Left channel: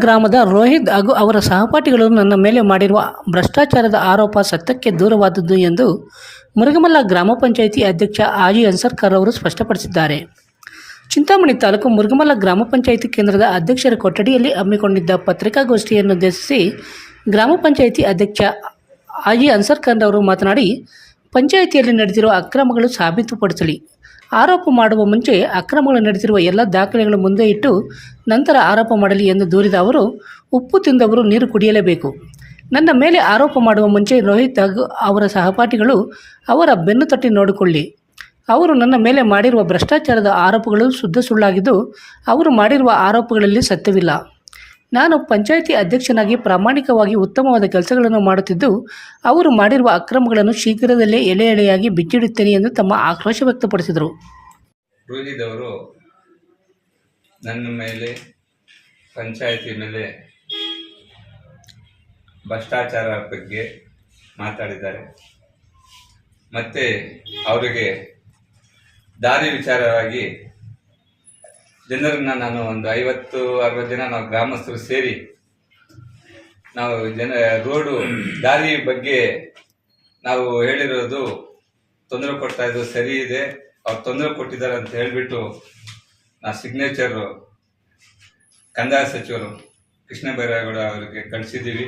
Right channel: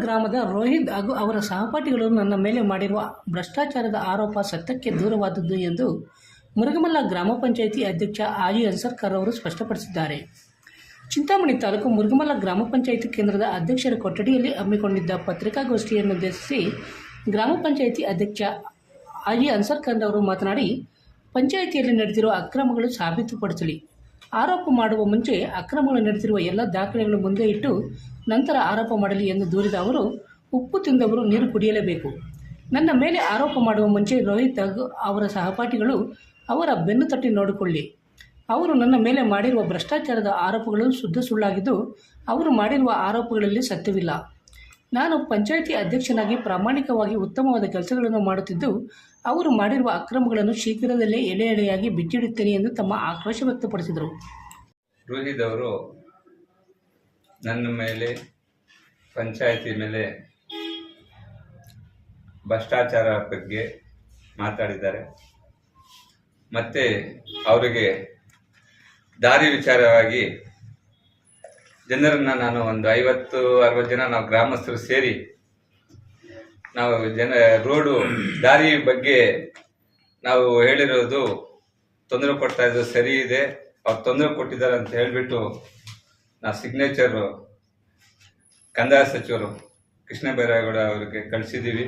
ಗ್ರಾಮದ ರೋಹಿತ್ ಹಾಗೂ ಅವರ ಸಹಪಾಠಿಗಳು ನನ್ನ ಮೇಲೆ ಮಾಡಿರುವ ಭ್ರಷ್ಟಾಚಾರದ ಆರೋಪ ಸತ್ಯಕ್ಕೆ ದೂರವಾದದ್ದು ಎಂದು ಮುರುಗಮಲ್ಲ ಗ್ರಾಮ ಪಂಚಾಯಿತಿ ಅಧ್ಯಕ್ಷ ಆಜಿ ಅನ್ಸರ್ಕರ್ ಅವರು ಸ್ಪಷ್ಟಪಡಿಸಿದ್ದಾರೆ. ಚಿಂತಾಮಣಿ ತಾಲೂಕು ಮುರುಗಮಲ್ಲ ಗ್ರಾಮ ಪಂಚಾಯಿತಿ ಕೇಂದ್ರದ ಅಧ್ಯಕ್ಷರ ಕೊಠಡಿಯಲ್ಲಿ ಹಮ್ಮಿಕೊಂಡಿದ್ದ ಪತ್ರಿಕಾಗೋಷ್ಠಿಯನ್ನು ಉದ್ದೇಶಿಸಿ ಗ್ರಾಮ ಪಂಚಾಯಿತಿ ಅಧ್ಯಕ್ಷ ಆಜಿ ಅನ್ಸರ್ಕರ್ ಅವರು ಮಾತನಾಡಿ, ಪಂಚಾಯಿತಿಯಲ್ಲಿ ನಡೆದಿರುವ ಅಕ್ರಮಗಳು ಸಾಬೀತುಪಡಿಸಲಿ. ಆರೋಪ ಮಾಡುವ ಮುಂಚೆ ಅಕ್ರಮಗಳು ನಡೆಸಿರುವ ಎಲ್ಲ ದಾಖಲೆಗಳು ಮುಂದೆ ಇಟ್ಟು ನಂತರ ಆರೋಪ ಮಾಡಲಿ ಎಂದು ದೂರಿದ ಅವರು, ಉಪ್ಪು ತಿಂದವರು ನೀರು ಕುಡಿಯಲೇಬೇಕು. ನನ್ನ ಮೇಲೆ ಆರೋಪ ಮಾಡುವ ಮುಂಚೆ ರೋಹಿತ್ ಅವರ ಸಹಪಾಠಿಗಳು ಅವರ ಬೆನ್ನು ತಟ್ಟಿ ನೋಡಿಕೊಳ್ಳಿ. ಅವರು ನನ್ನ ಮೇಲೆ ಮಾಡಿರುವ ಭ್ರಷ್ಟಾಚಾರದ ಆರೋಪಗಳು ಶುದ್ಧ ಸುಳ್ಳಾಗಿದ್ದು, ಅವರು ಮಾಡಿರುವ ಆರೋಪಗಳಲ್ಲಿ ಸತ್ಯವಿಲ್ಲ. ನಾನು ಪಂಚಾಯಿತಿ ಅಧ್ಯಕ್ಷನಾಗಿ ಪ್ರಾಮಾಣಿಕವಾಗಿ ಉತ್ತಮವಾದ ಕೆಲಸಗಳನ್ನು ಮಾಡುತ್ತಿದ್ದು, ಅವರು ಮಾಡಿರುವ ಅಕ್ರಮಗಳನ್ನು ಶೀಘ್ರದಲ್ಲೇ ಎಳೆ ಎಳೆಯಾಗಿ ಬಿಚ್ಚಿಡುತ್ತೇನೆ ಎಂದು ತಮ್ಮ ಆಕ್ರೋಶ ವ್ಯಕ್ತಪಡಿಸಿದರು. ರೋಹಿದವರು ನನ್ನ ಮೇಲೆ, ಪಂಚಾಯಿತಿ ಮೇಲೆ ಭ್ರಷ್ಟಾಚಾರ ಬಗ್ಗೆ ಮಾತಾಡಿದ್ದಾರೆ. ಮತ್ತು ಅವರಿಗೆ ದಾರಿ ವಿಚಾರವಾಗಿ ಜನರನ್ನು ನಾನು ಒಂದು ಐವತ್ತು, ಅರವತ್ತು ಜನ ನಾವು ಗ್ರಾಮಸ್ಥರು ಸೇರಿ ನಾವು ಜನ ರೋಡು ದಾರಿ ಬಗ್ಗೆ ನಾವು ಹೇಳಿರೋದು ತೊಂದರೆ ಕೊಡ್ತಾ ಇದ್ದು ಸರಿ ಇದೆ. ಅವ್ರು ತೊಂದರೆ ಕೊಟ್ಟಿದ್ದಾರೆ ಅಂತ ಹೇಳಿಬಿಟ್ಟು ನಾ ಸಿಗ್ನೇಚರು ಕಂದಾಯ ಸಚಿವರು ಕೃಷ್ಣ ಬೈರೇಗೌಡ ಅವರಿಗೆ ಕಳಿಸಿದ್ದೀವಿ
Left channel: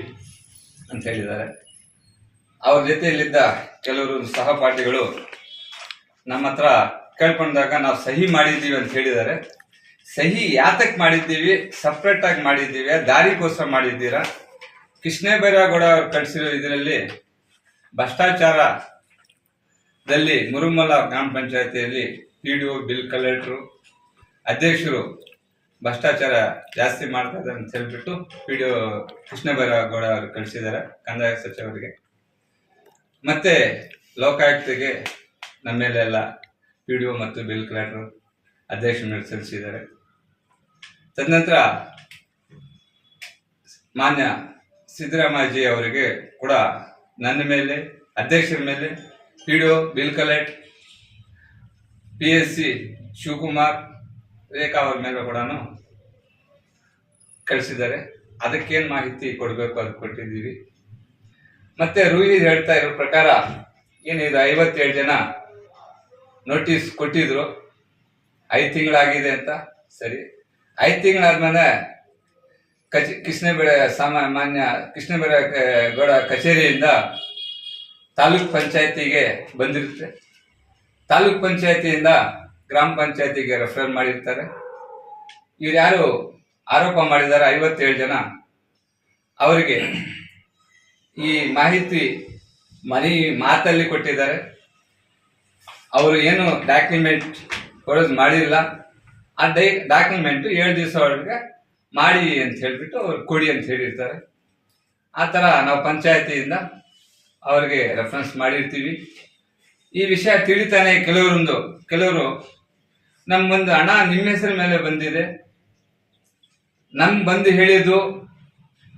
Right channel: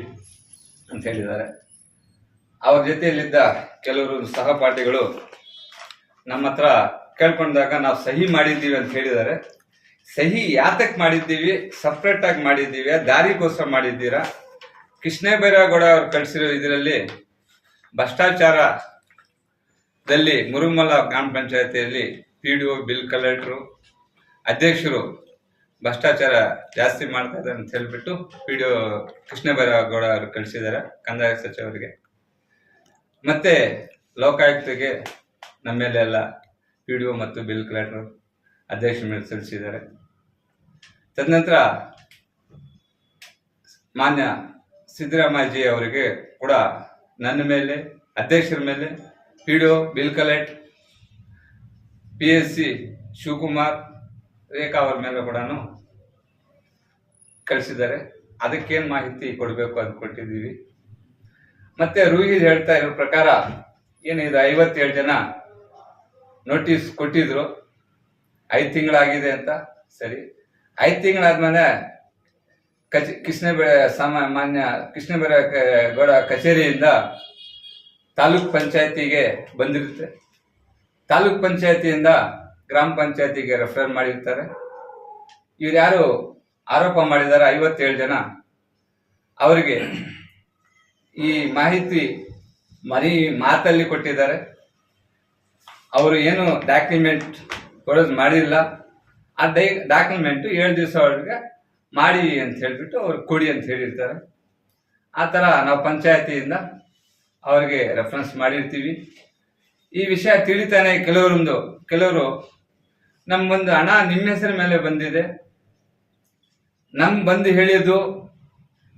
ಅಂತ ಹೇಳಿದ್ದಾರೆ. ಅವ್ರ ಜೊತೆಯಲ್ಲಿದ್ದ ಕೆಲವರು ಸಹಪಾಠಿಗಳು ನಮ್ಮ ಹತ್ರ ಕೇಳ್ಕೊಂಡಾಗ ನಾವು ಸಹಿ ಮಾಡಿದ್ದೀವಿ ಅಂತ ಹೇಳಿದ್ದಾರೆ. ಸಹಿ ಯಾತಕ್ ಮಾಡಿದ್ದೀವಿ? ಸಪ್ರೇಟ್ ಆಗಿ ಮಾಡಿದ್ದೀವಿ, ದಾರಿಗೋಸ್ಕರ ಮಾಡಿದ್ದೀರಾ? ಕೃಷ್ಣ ಬೈರೇಗೌಡ ಅವ್ರು ಕಳಿಸಿರೋ ಇದರಲ್ಲಿ ಭ್ರಷ್ಟಾಚಾರದಲ್ಲಿ ಮುರುಮಲ ಗ್ರಾಮ ಪಂಚಾಯತಿಯಲ್ಲಿ P D O bill collector, ಅಧ್ಯಕ್ಷರು ಭ್ರಷ್ಟಾಚಾರ ಜಾಸ್ತಿ ಮಾಡ್ತಾ ಇದ್ದಾರೆ ಅಂತ ಹೇಳ್ಬಿಟ್ಟು ಪಿ ಡಿ ಒ ಕೃಷ್ಣ ಅವರು ಕಳಿಸಿದ್ದಾರೆ, ಕಂದಾಯ ಸಚಿವರಿಗೆ ಮತ್ತೆ ಲೋಕಾಯುಕ್ತಿಗೆ ನಮ್ಮ ಮೇಲೆ ಎಲ್ಲ ಪಿ ಡಿ ಒ ಮತ್ತು ಬಿಲ್ ಕಲೆಕ್ಟರ್ ಅಧ್ಯಕ್ಷ ಮೇಲೆ ಸಲ್ಲಿಸಿದ್ದಾರೆ ತದನಂತರ ಮಾನ್ಯ ಸಿದ್ದರಾಮಯ್ಯಜಿ ಅವರಿಗೆ ಕೂಡ ನನ್ನ ಮೇಲೆ, ಅಧ್ಯಕ್ಷರ ಮೇಲೆ, P D O, bill collect, P S C Shivakumar, Rekha ಅವ್ರ ಮೇಲೆ ಕೂಡ ಕಳಿಸಿದ್ದಾರೆ. ಅದಕ್ಕೇನು ಮಾಹಿತಿ ಕೊಡಬೇಕು ಅದು ಕೊಟ್ಟಿದ್ದೀವಿ. ಮತ್ತೆ ರೂಹಿ ಹೇಳ್ತಾ ಇರೋ ಪ್ರಕಾರ ಏನಿದೆ ಐವತ್ತೇಳು ಜನ ನೋಟಿಸ್ ಕೊಟ್ಟಿದ್ರು. ಐದು ತಿಂಗಳಾಗಿದೆ ಅಂತ. ಸರಿ. ಐದು ತಿಂಗಳಾದ್ಮೇಲೆ ಕಚ್, ಕೃಷ್ಣಬೇಳೆ ಸಾಮಾನ್ಯ ಕೃಷ್ಣಬೇಳೆ ಗೌಡ ಕಚೇರಿಯಿಂದ ತಾಲೂಕ್ ಪಂಚಾಯತಿಗೆ ಬಂದಿರುತ್ತೆ. ತಾಲೂಕ್ ಪಂಚಾಯತಿಯಿಂದ ಗ್ರಾಮ ಪಂಚಾಯತಿಗೆ ರೆಫರ್ ಮಾಡಿರ್ತಾರೆ. ಇವ್ರು ಯಾರು ಆರೋಪ ಮಾಡಿದ್ದಾರೆ ಐವತ್ತೇಳು ಜನ. ಅವರಿಗೆ ಈ ಮಾಹಿತಿ ಮನೆ ಮಾತಲ್ಲಿ ಕೊಟ್ಟಿದ್ದಾರೆ. ಅವರು ಏನು ಡಾಕ್ಯುಮೆಂಟ್ ಕೊಡೋದು ಮಾಡಿಲ್ಲ. ಆ ಡೈ ಡಾಕ್ಯುಮೆಂಟ್ ಏಳು ದಿವಸ ಒಳಗೆ ಮಾಡಿ ಅಂತ ಹೇಳಿಬಿಟ್ಟು ಅವ್ರು ಕೊಡಿ ಅಂತ ಹೇಳಿರ್ತಾರೆ. ಆ ಥರ ನಾವು ಪಂಚಾಯತಿಯಿಂದ ಅವ್ರಿಗೆ ರೆಫರೆನ್ಸ್ ಮಾಡಿರ್ತೀವಿ. ಈ ವಿಷಯ ತಿಳಿತಾನೆ ಕೆಲವರೊಂದು, ಕೆಲವರು, ನಮ್ಗೊಂದು ಹಣ ನಿಮ್ಮ ಹೆಸರ ಮೇಲೆ ಬಂದಿದೆ. ನಮ್ಮ ಬಂದು ಹೇಳಿದ್ದು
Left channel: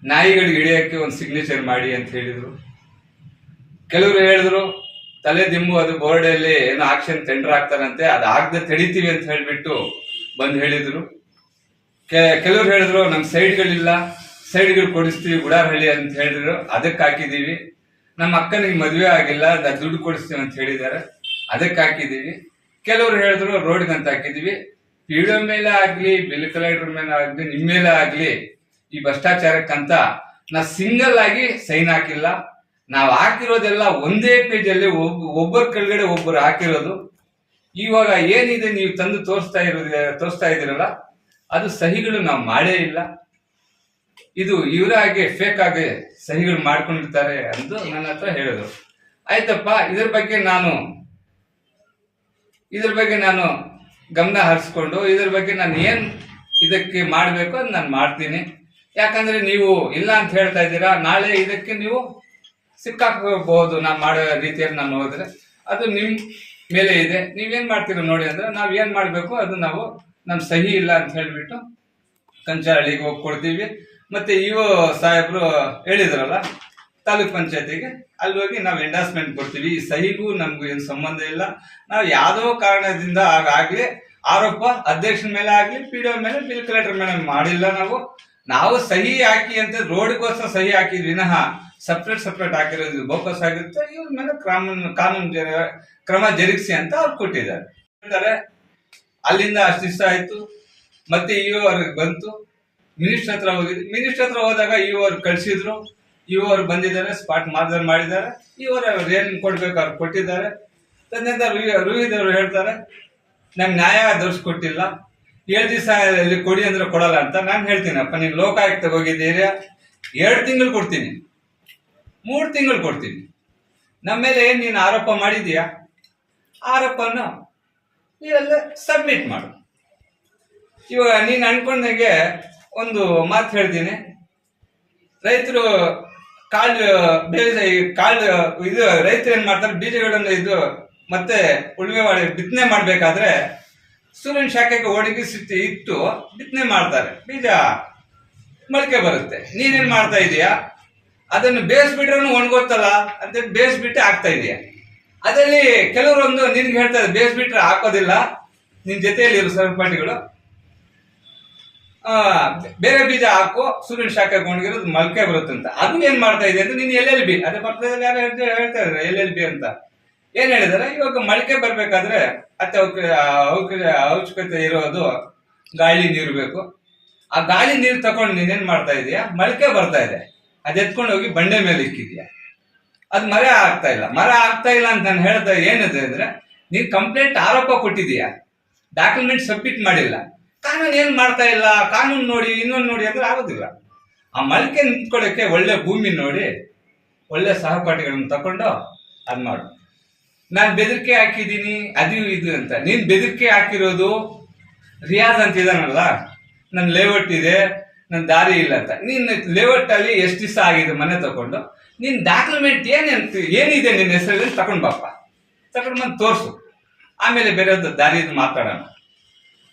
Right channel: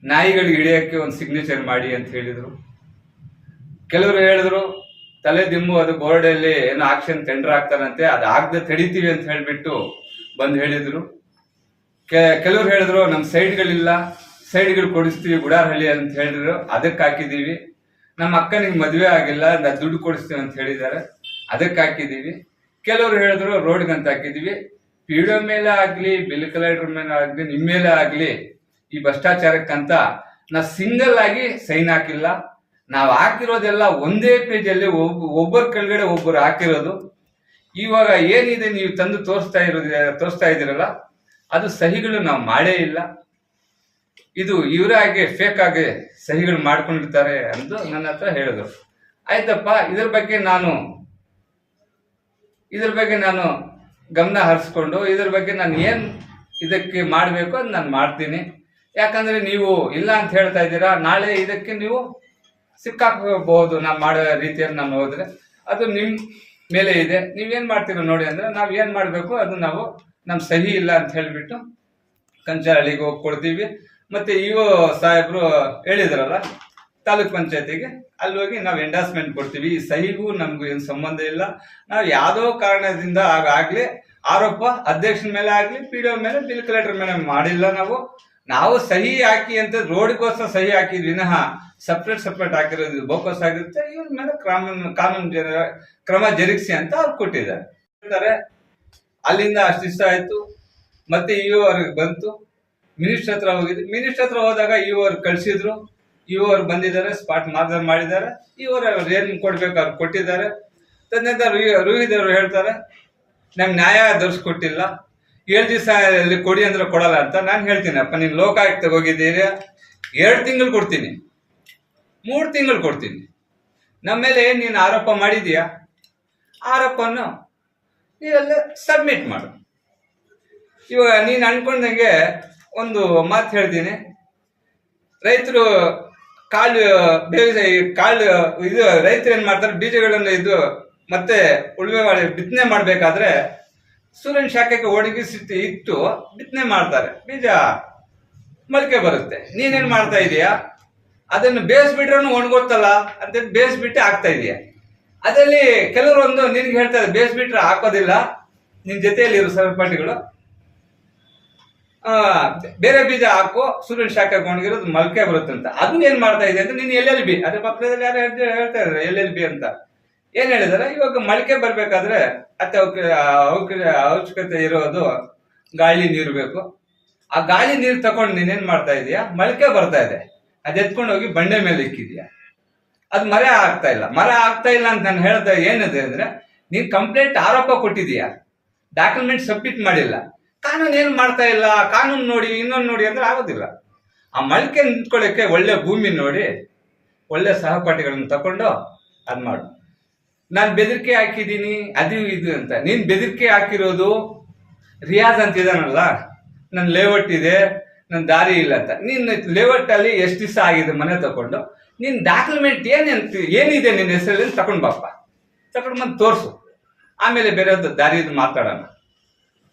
ನಾಯಿಗಳಿಗೆ ಹಿಡಿಯೋಕ್ಕೆ ಒಂದು ಸಿಗ್ನೇಚರ್ ಮಾಡಿ ಅಂತ ಹೇಳಿದರು. ಕೆಲವರು ಹೇಳಿದ್ರು, ತಲೆ ದಿಂಬು ಅದು ಬೋರ್ಡಲ್ಲಿ ಏನೋ ಆಕ್ಷನ್ ಟೆಂಡರ್ ಆಗ್ತಾರಂತೆ ಅದು ಆಗದೆ ತಡಿತೀವಿ ಅಂತ ಹೇಳ್ಬಿಟ್ಟು ಬಂದು ಹೇಳಿದ್ರು. ಕೆಲವ್ರು ಹೇಳಿದ್ರು ನಮ್ಮ ಸೈಡ್ಗಳಿಲ್ಲ ಸೈಡ್ಗಳು ಕೊಡಿಸ್ತೀವಿ, ಗುಡಾರಹಳ್ಳಿ ಅಂತ ಹೇಳಿದ್ರು. ಅದಕ್ಕೆ ಹಾಕಿದೀವಿ ನಮ್ಮ ಅಕ್ಕನಿಗೆ ಮದುವೆ ಆಗಿಲ್ಲ ದುಡ್ಡು ಕೊಡಿಸ್ತೀವಿ ಅಂತ ಹೇಳಿದ್ದಾರೆ. ಅದಕ್ಕೆ ಹಾಕಿದೀವಿ ಕೆಲವರು ಹೇಳಿದ್ರು, ರೋಡ್ಗೆ ಅಂತ ಹಾಕಿದೀವಿ ಪಿಡಿಒ ಮೇಲೆ ಆಗ್ಲಿ, ಬಿಲ್ ಕಲೆಕ್ಟರ್ ಮೇಲೆ ಆಗ್ಲಿ ನಿಮ್ಮ ಮೇಲೆ ಆಗ್ಲಿ, ಈ ಭ್ರಷ್ಟಾಚಾರಕ್ಕಂತ ನಾ ಸಿಂಗಲ್ ಆಗಿ ಸೈನ್ ಹಾಕಿಲ್ಲ. ನಾವು ಹಾಕಿರೋದೆಲ್ಲ ಒಂದೇ ಪೇಜಲ್ಲಿ ಒಬ್ಬ ಒಬ್ಬರ ಕೆಳಗಡೆ ಒಬ್ಬರು ಹಾಕಿರೋದು. ಇವಾಗ ಏನಿದೆ ನೀವು ತಂದು ತೋರಿಸ್ತಾ ಇರೋದು ತೋರಿಸ್ತಾ ಇದ್ದೀರಲ್ಲ, ಅದು ಸಹಿಗಳು ನಾವು ಮಾಡೇ ಇಲ್ಲ. ಇದು ಇವರಾಗೆ ಫೇಕ್ ಆಗಿ ಸಹಿಗಳು ಮಾಡ್ಕೊಂಡಿರ್ತಾರೆ ಅಂತ ನನ್ನ ಹತ್ರ ಹೇಳಿದ್ರು. ಆಯ್ತಪ್ಪ, ಇದ್ರ ಬಗ್ಗೆ ನಾನು, ಇದ್ರ ಬಗ್ಗೆ ನಾನು ಗಮನ ಹರಿಸ್ಕೊಂಡು, ಇದ್ರ ಬಗ್ಗೆ ನಾನು ಏನು ಇದಕ್ಕೆ ಮಾಡಬೇಕು ಅದು ನಾನು ಮಾಡ್ತೀನಿ. ಯಾಕಂದ್ರೆ ನೀವು ಇಲ್ಲ ಅಂತ ಹೇಳ್ತಾ ಇದ್ದೀರಾ, ನಾಳೆ ಇದಕ್ಕೆ ನೀವು ಸಿಕ್ಕಾಕಬಹುದು ನಾನು ಮಾಡೋ ರೀತಿಯಲ್ಲಿ ನಾನು ಹೋದ್ರೆ. ಅದು ನಿಮ್ ಮೇಲೆ ಇದೆ. ನೀವೇನ್ ಮಾಡ್ತೀರೋ ನೋಡಿ ಅಂದ್ರೆ ನಾವ್ ಏನ್ ಮಾಡ್ಬೇಕು? ಅದು ನಾವು ನಮ್ ಸಹಿ ಇಲ್ಲ ಅಂತ ಹೇಳಿಬಿಟ್ಟು ಕಂಚಹಳ್ಳಿಗೆ ಹೋಗಿ ಕೊಡ್ತೀವಿ ಮತ್ತೆ ಇವು ಸಾಹೇಬ್ರು ಹೇಳಿದ್ರಲ್ಲ, ತಾಲೂಕ್ ಪಂಚಾಯತಿಗೆ, ಅಲ್ಲಿ ಹೋಗಿ ನಾವು ಎಂಡಾಸ್ಮೆಂಟ್ ಕೊಡ್ತೀವಿ. ಈ ಸಹಿಗೂ ನಮ್ಗೂ ಏನು ಸಂಬಂಧ ಇಲ್ಲ. ನಾವು ಯಾವುದೋ ಕಾರಣದಿಂದ ಆಗಲಿ, ಆರೋಪ ಅಧ್ಯಕ್ಷನ ಮೇಲೆ ಆಗಲಿ, ಪಿ ಡಿ ಮೇಲೆ ಬಿಲ್ ಕಲೆಕ್ಟರ್ ಮೇಲೆ ಮಾಡಿಲ್ಲ ನಾವು. ನಾವು ಸಹಿ ಹಾಕಿ ಅಂತ ರೋಡ್ಗೋಸ್ಕರ ಸಹಿ ಹಾಕಿದ್ವಿ. ವಿನಃ ಸಪ್ರೇಟ್ ಸಪ್ರೇಟ್ ಆಗಿರೋದು ಬೋಕಸ್ ಆಗಿರುತ್ತೆ. ಇವ್ರ ಮೇಲೆ ಕ್ರಮ ಕಾನೂನು ಕ್ರಮ ಜರುಗಿಸಿ ಅಂತ ಅವ್ರು ಕೊಟ್ಟಿದ್ದಾರೆ. ಹೇಳ್ತಾರೆ, ಅಲ್ಲಿಂದ ಅಷ್ಟು ದಿವಸ ಆಯ್ತು, ಮತ್ತೆ ಇ ಅವ್ರಿಗೆ ಬಂತು. ಮಿನಿಸ್ಟರ್ ಹತ್ರ ಹೋಗಿದ್ವಿ. ಮಿನಿಸ್ಟರ್ ಹತ್ರ ಹೋದಾಗ ಇ ಅವ್ರು ಕಳ್ಸಿದ್ರು. ಇ ಅವ್ರು ಬಂದಿದ್ದಾರೆ, ಸ್ಪಾಟ್ ಮಾರ್ಗದರ್ಶನ ಮಾಡಿದ್ದಾರೆ. ಇವರು ಏನ್ ಕೊಡ್ಬೇಕು ಅವ್ರು ಕೊಟ್ಟಿದ್ದಾರೆ. ತದನಂತರ ರೋಹಿತ್ ಅವರು ಹೇಳ್ತಾರೆ, ನಮ್ಗೆ ನ್ಯಾಯ ದೊರಸ್ಕೊಟ್ಟಿಲ್ಲ. ಏಳು ದಿವಸ ಕೊಡಿ ಅಂದ್ರೆ ಕೊಡಲ್ಲ ಅಂತ ನಾನು ಹೇಳ್ತೀನಿ, ಅಪ್ಪ, ನೀನು ಲೋಕಾಯುಕ್ತ ಹೋಗಿದ್ದೀರಿ ಎರಡು ತಿಂಗಳು ಕೊಡ್ತೀನಿ. ಮೂರು ತಿಂಗಳು ಕೊಡ್ತೀನಿ. ನಮ್ಮ ಮೇಲೆ ಏನು ನೀನು ಆರೋಪ ಮಾಡಿದೀಯಾ ಆರೋಪವನ್ನು ನೀವೆಲ್ಲ ಸಬ್ಮಿಟ್ ಮಾಡು. ಇವಾಗ ನೀನು ಅನ್ಕೊಂಡಂಗೆ ಒಂದು ಮಾತು ಹೇಳ್ತೀನಿ. ರೈತರು ಕಾಳು ಬೇಜ ಕಾಳು ಇದು ರೈತರು ಏನು ಮಾಡ್ತಾರೆ? ಬೀಜಗಳನ್ನು ಇದು ಮತ್ತೆ ಉಳುಮೆ ಮಾಡಿ ಬಿತ್ತನೆ ಮಾಡಬೇಕಾದ್ರೆ ಸೂರ್ಯನ ಶಾಖಕ್ಕೆ ಒಣಗಿಸಿ ಇಟ್ಟು ಬಿತ್ತನೆ ಮಾಡ್ತಾರೆ. ಬೀಜ ಮೊಳಕೆ ಬರುತ್ತೆ. ನೀನೇನು ಮಾಡ್ತಾ ಇದೀಯಾ? ಅದನ್ನು ಬೇಯಿಸ್ಬಿಟ್ರೂ ಒಣಗೋತಲ್ಲ ಅಂತ ಬೇಯಿಸ್ಬಿಟ್ಟು ಹಾಕ್ತಾ ಇದೆಯಾ ಅದರಲ್ಲಿ ಕೆಲವರೊಂದು ನಿನ್ಗೆ ಹೇಳ್ತಾರೆ ಬೇಯಿಸ್ಬಿಟ್ರೆ ಹಾಕೋದಿಲ್ಲ. ನಿನ್ನ ಜೊತೆಯಲ್ಲಿ ಇರೋ ಸಹಪಾಠಿಗಳು ಆ, ಬೇರೆ ಬೀಜ ಹಾಕು ಸೂರ್ಯನ ಶಾಖ ಒಣಗಿರೋದು ಮೊಳಕೆ ಬರುತ್ತೆ ಅಂತ. ಅದನ್ನ ಏನ್ ಮಾಡ್ತಾ ಇದೆ ಅಂತ ನೀನು ಎಲ್ ಎಲ್ ಬಿ? ಅದೇ ಪಕ್ಕದಲ್ಲಿ ಯಾರು ಹೇಳ್ತಾ- ಇದ್ದಾರೆ ಎಲ್ ಬಿ ಅಂತ. ಏನ್ ಹೇಳಿದಾರೆ? ಇವಾಗ ಮೊಳಕೆ ಬರ್ಬೇಕಾದ್ರೆ ಅತ್ತೆ ಅವಶ್ಯಕತೆ ಇರೋದು ಗಾಳಿ ನೀರು ಬೇಕು. ಆ ಗಾಳಿ ನೀರು ತಗೊಂಡು ನೀನೇನ್ ಮಾಡ್ತಾ ಇದೀಯಾ? ಮೊಳಕೆ ಬರ್ತಾ ಇದೆ. ಅದ್ ಎತ್ಕೊಂಡು ಹೋಗಿ ಬಂಡೆ ಮೇಲೆ ಇಕ್ಕಿದ್ಯಾ? ಅದು ಮರ ಆಗ್ತಾ ಇಲ್ಲ. ಮರ ಆಗ್ತಾ ಇಲ್ಲ ಅಂತ ನಾನು ಹೇಳ್ದೆ ಏನಿದೆ ಅಂದ್ರೆ ನೀನ್ ಕಂಪ್ಲೇಂಟ್ ಆರೋಪ ಕೊಟ್ಟಿದೀಯಾ ಡಾಕ್ಯುಮೆಂಟ್ ಸಬ್ಮಿಟ್ ಮಾಡಿಲ್ಲ. ಕಾನೂನು ಏನ್ ಮಾಡ್ತಾ ಇಲ್ಲ? ಕಾನೂನು ನೋಡಿ, ಇನ್ನೊಂದು ನೋಡಿ ಅಂದ್ರೆ ಆಗೋದಿಲ್ಲ. ಆ ಮಳಿಕೆ ನಿಂತ್ಕೊಳ್ಳೋಕ್ಕೆ ಒಳ್ಳೆ ಭೂಮಿ ನೋಡಿ, ಒಳ್ಳೆ ಸಹಪಾಠಿಗಳನ್ನ ತಕೊಂಡು ಅದ್ ಮಾಡು. ನಾನು ಬೆದರಿಕೆ ಹಾಕಿದ್ದೀನಿ, ಅದು ಇದು ಅಂತ. ನೀನ್ ಬೆದರಿಕೆ ಹಾಕಿರೋದು ರಿಯಾಜ್ ಅಂತ ಇದಾನಲ್ಲ? ನನ್ನ ಲೇಔಟ್ ಇದೆ ನನ್ನ ದಾರಿ ಇಲ್ಲ ಅಂತ. ನಿನ್ನ ಲೇಔಟ್ ಅಲ್ಲಿ ಎಷ್ಟು ದಿವಸ ಆಗಿದೆ ಮನೆ ತಕೊಂಡು ನಿನ್ ಡಾಕ್ಯುಮೆಂಟ್ ಏನೇನು ಏನಿದೆ ನಿನ್ನ ಹೆಸರಲ್ಲಿ ತಕೊಂಡು ಬಾಪ್ಪ. ತಕೊಂಡು ಬಂದು ತೋರಿಸು. ಆಮೇಲೆ ಬೇರೆ ದಾರಿ ಮಾತಾಡೋಣ.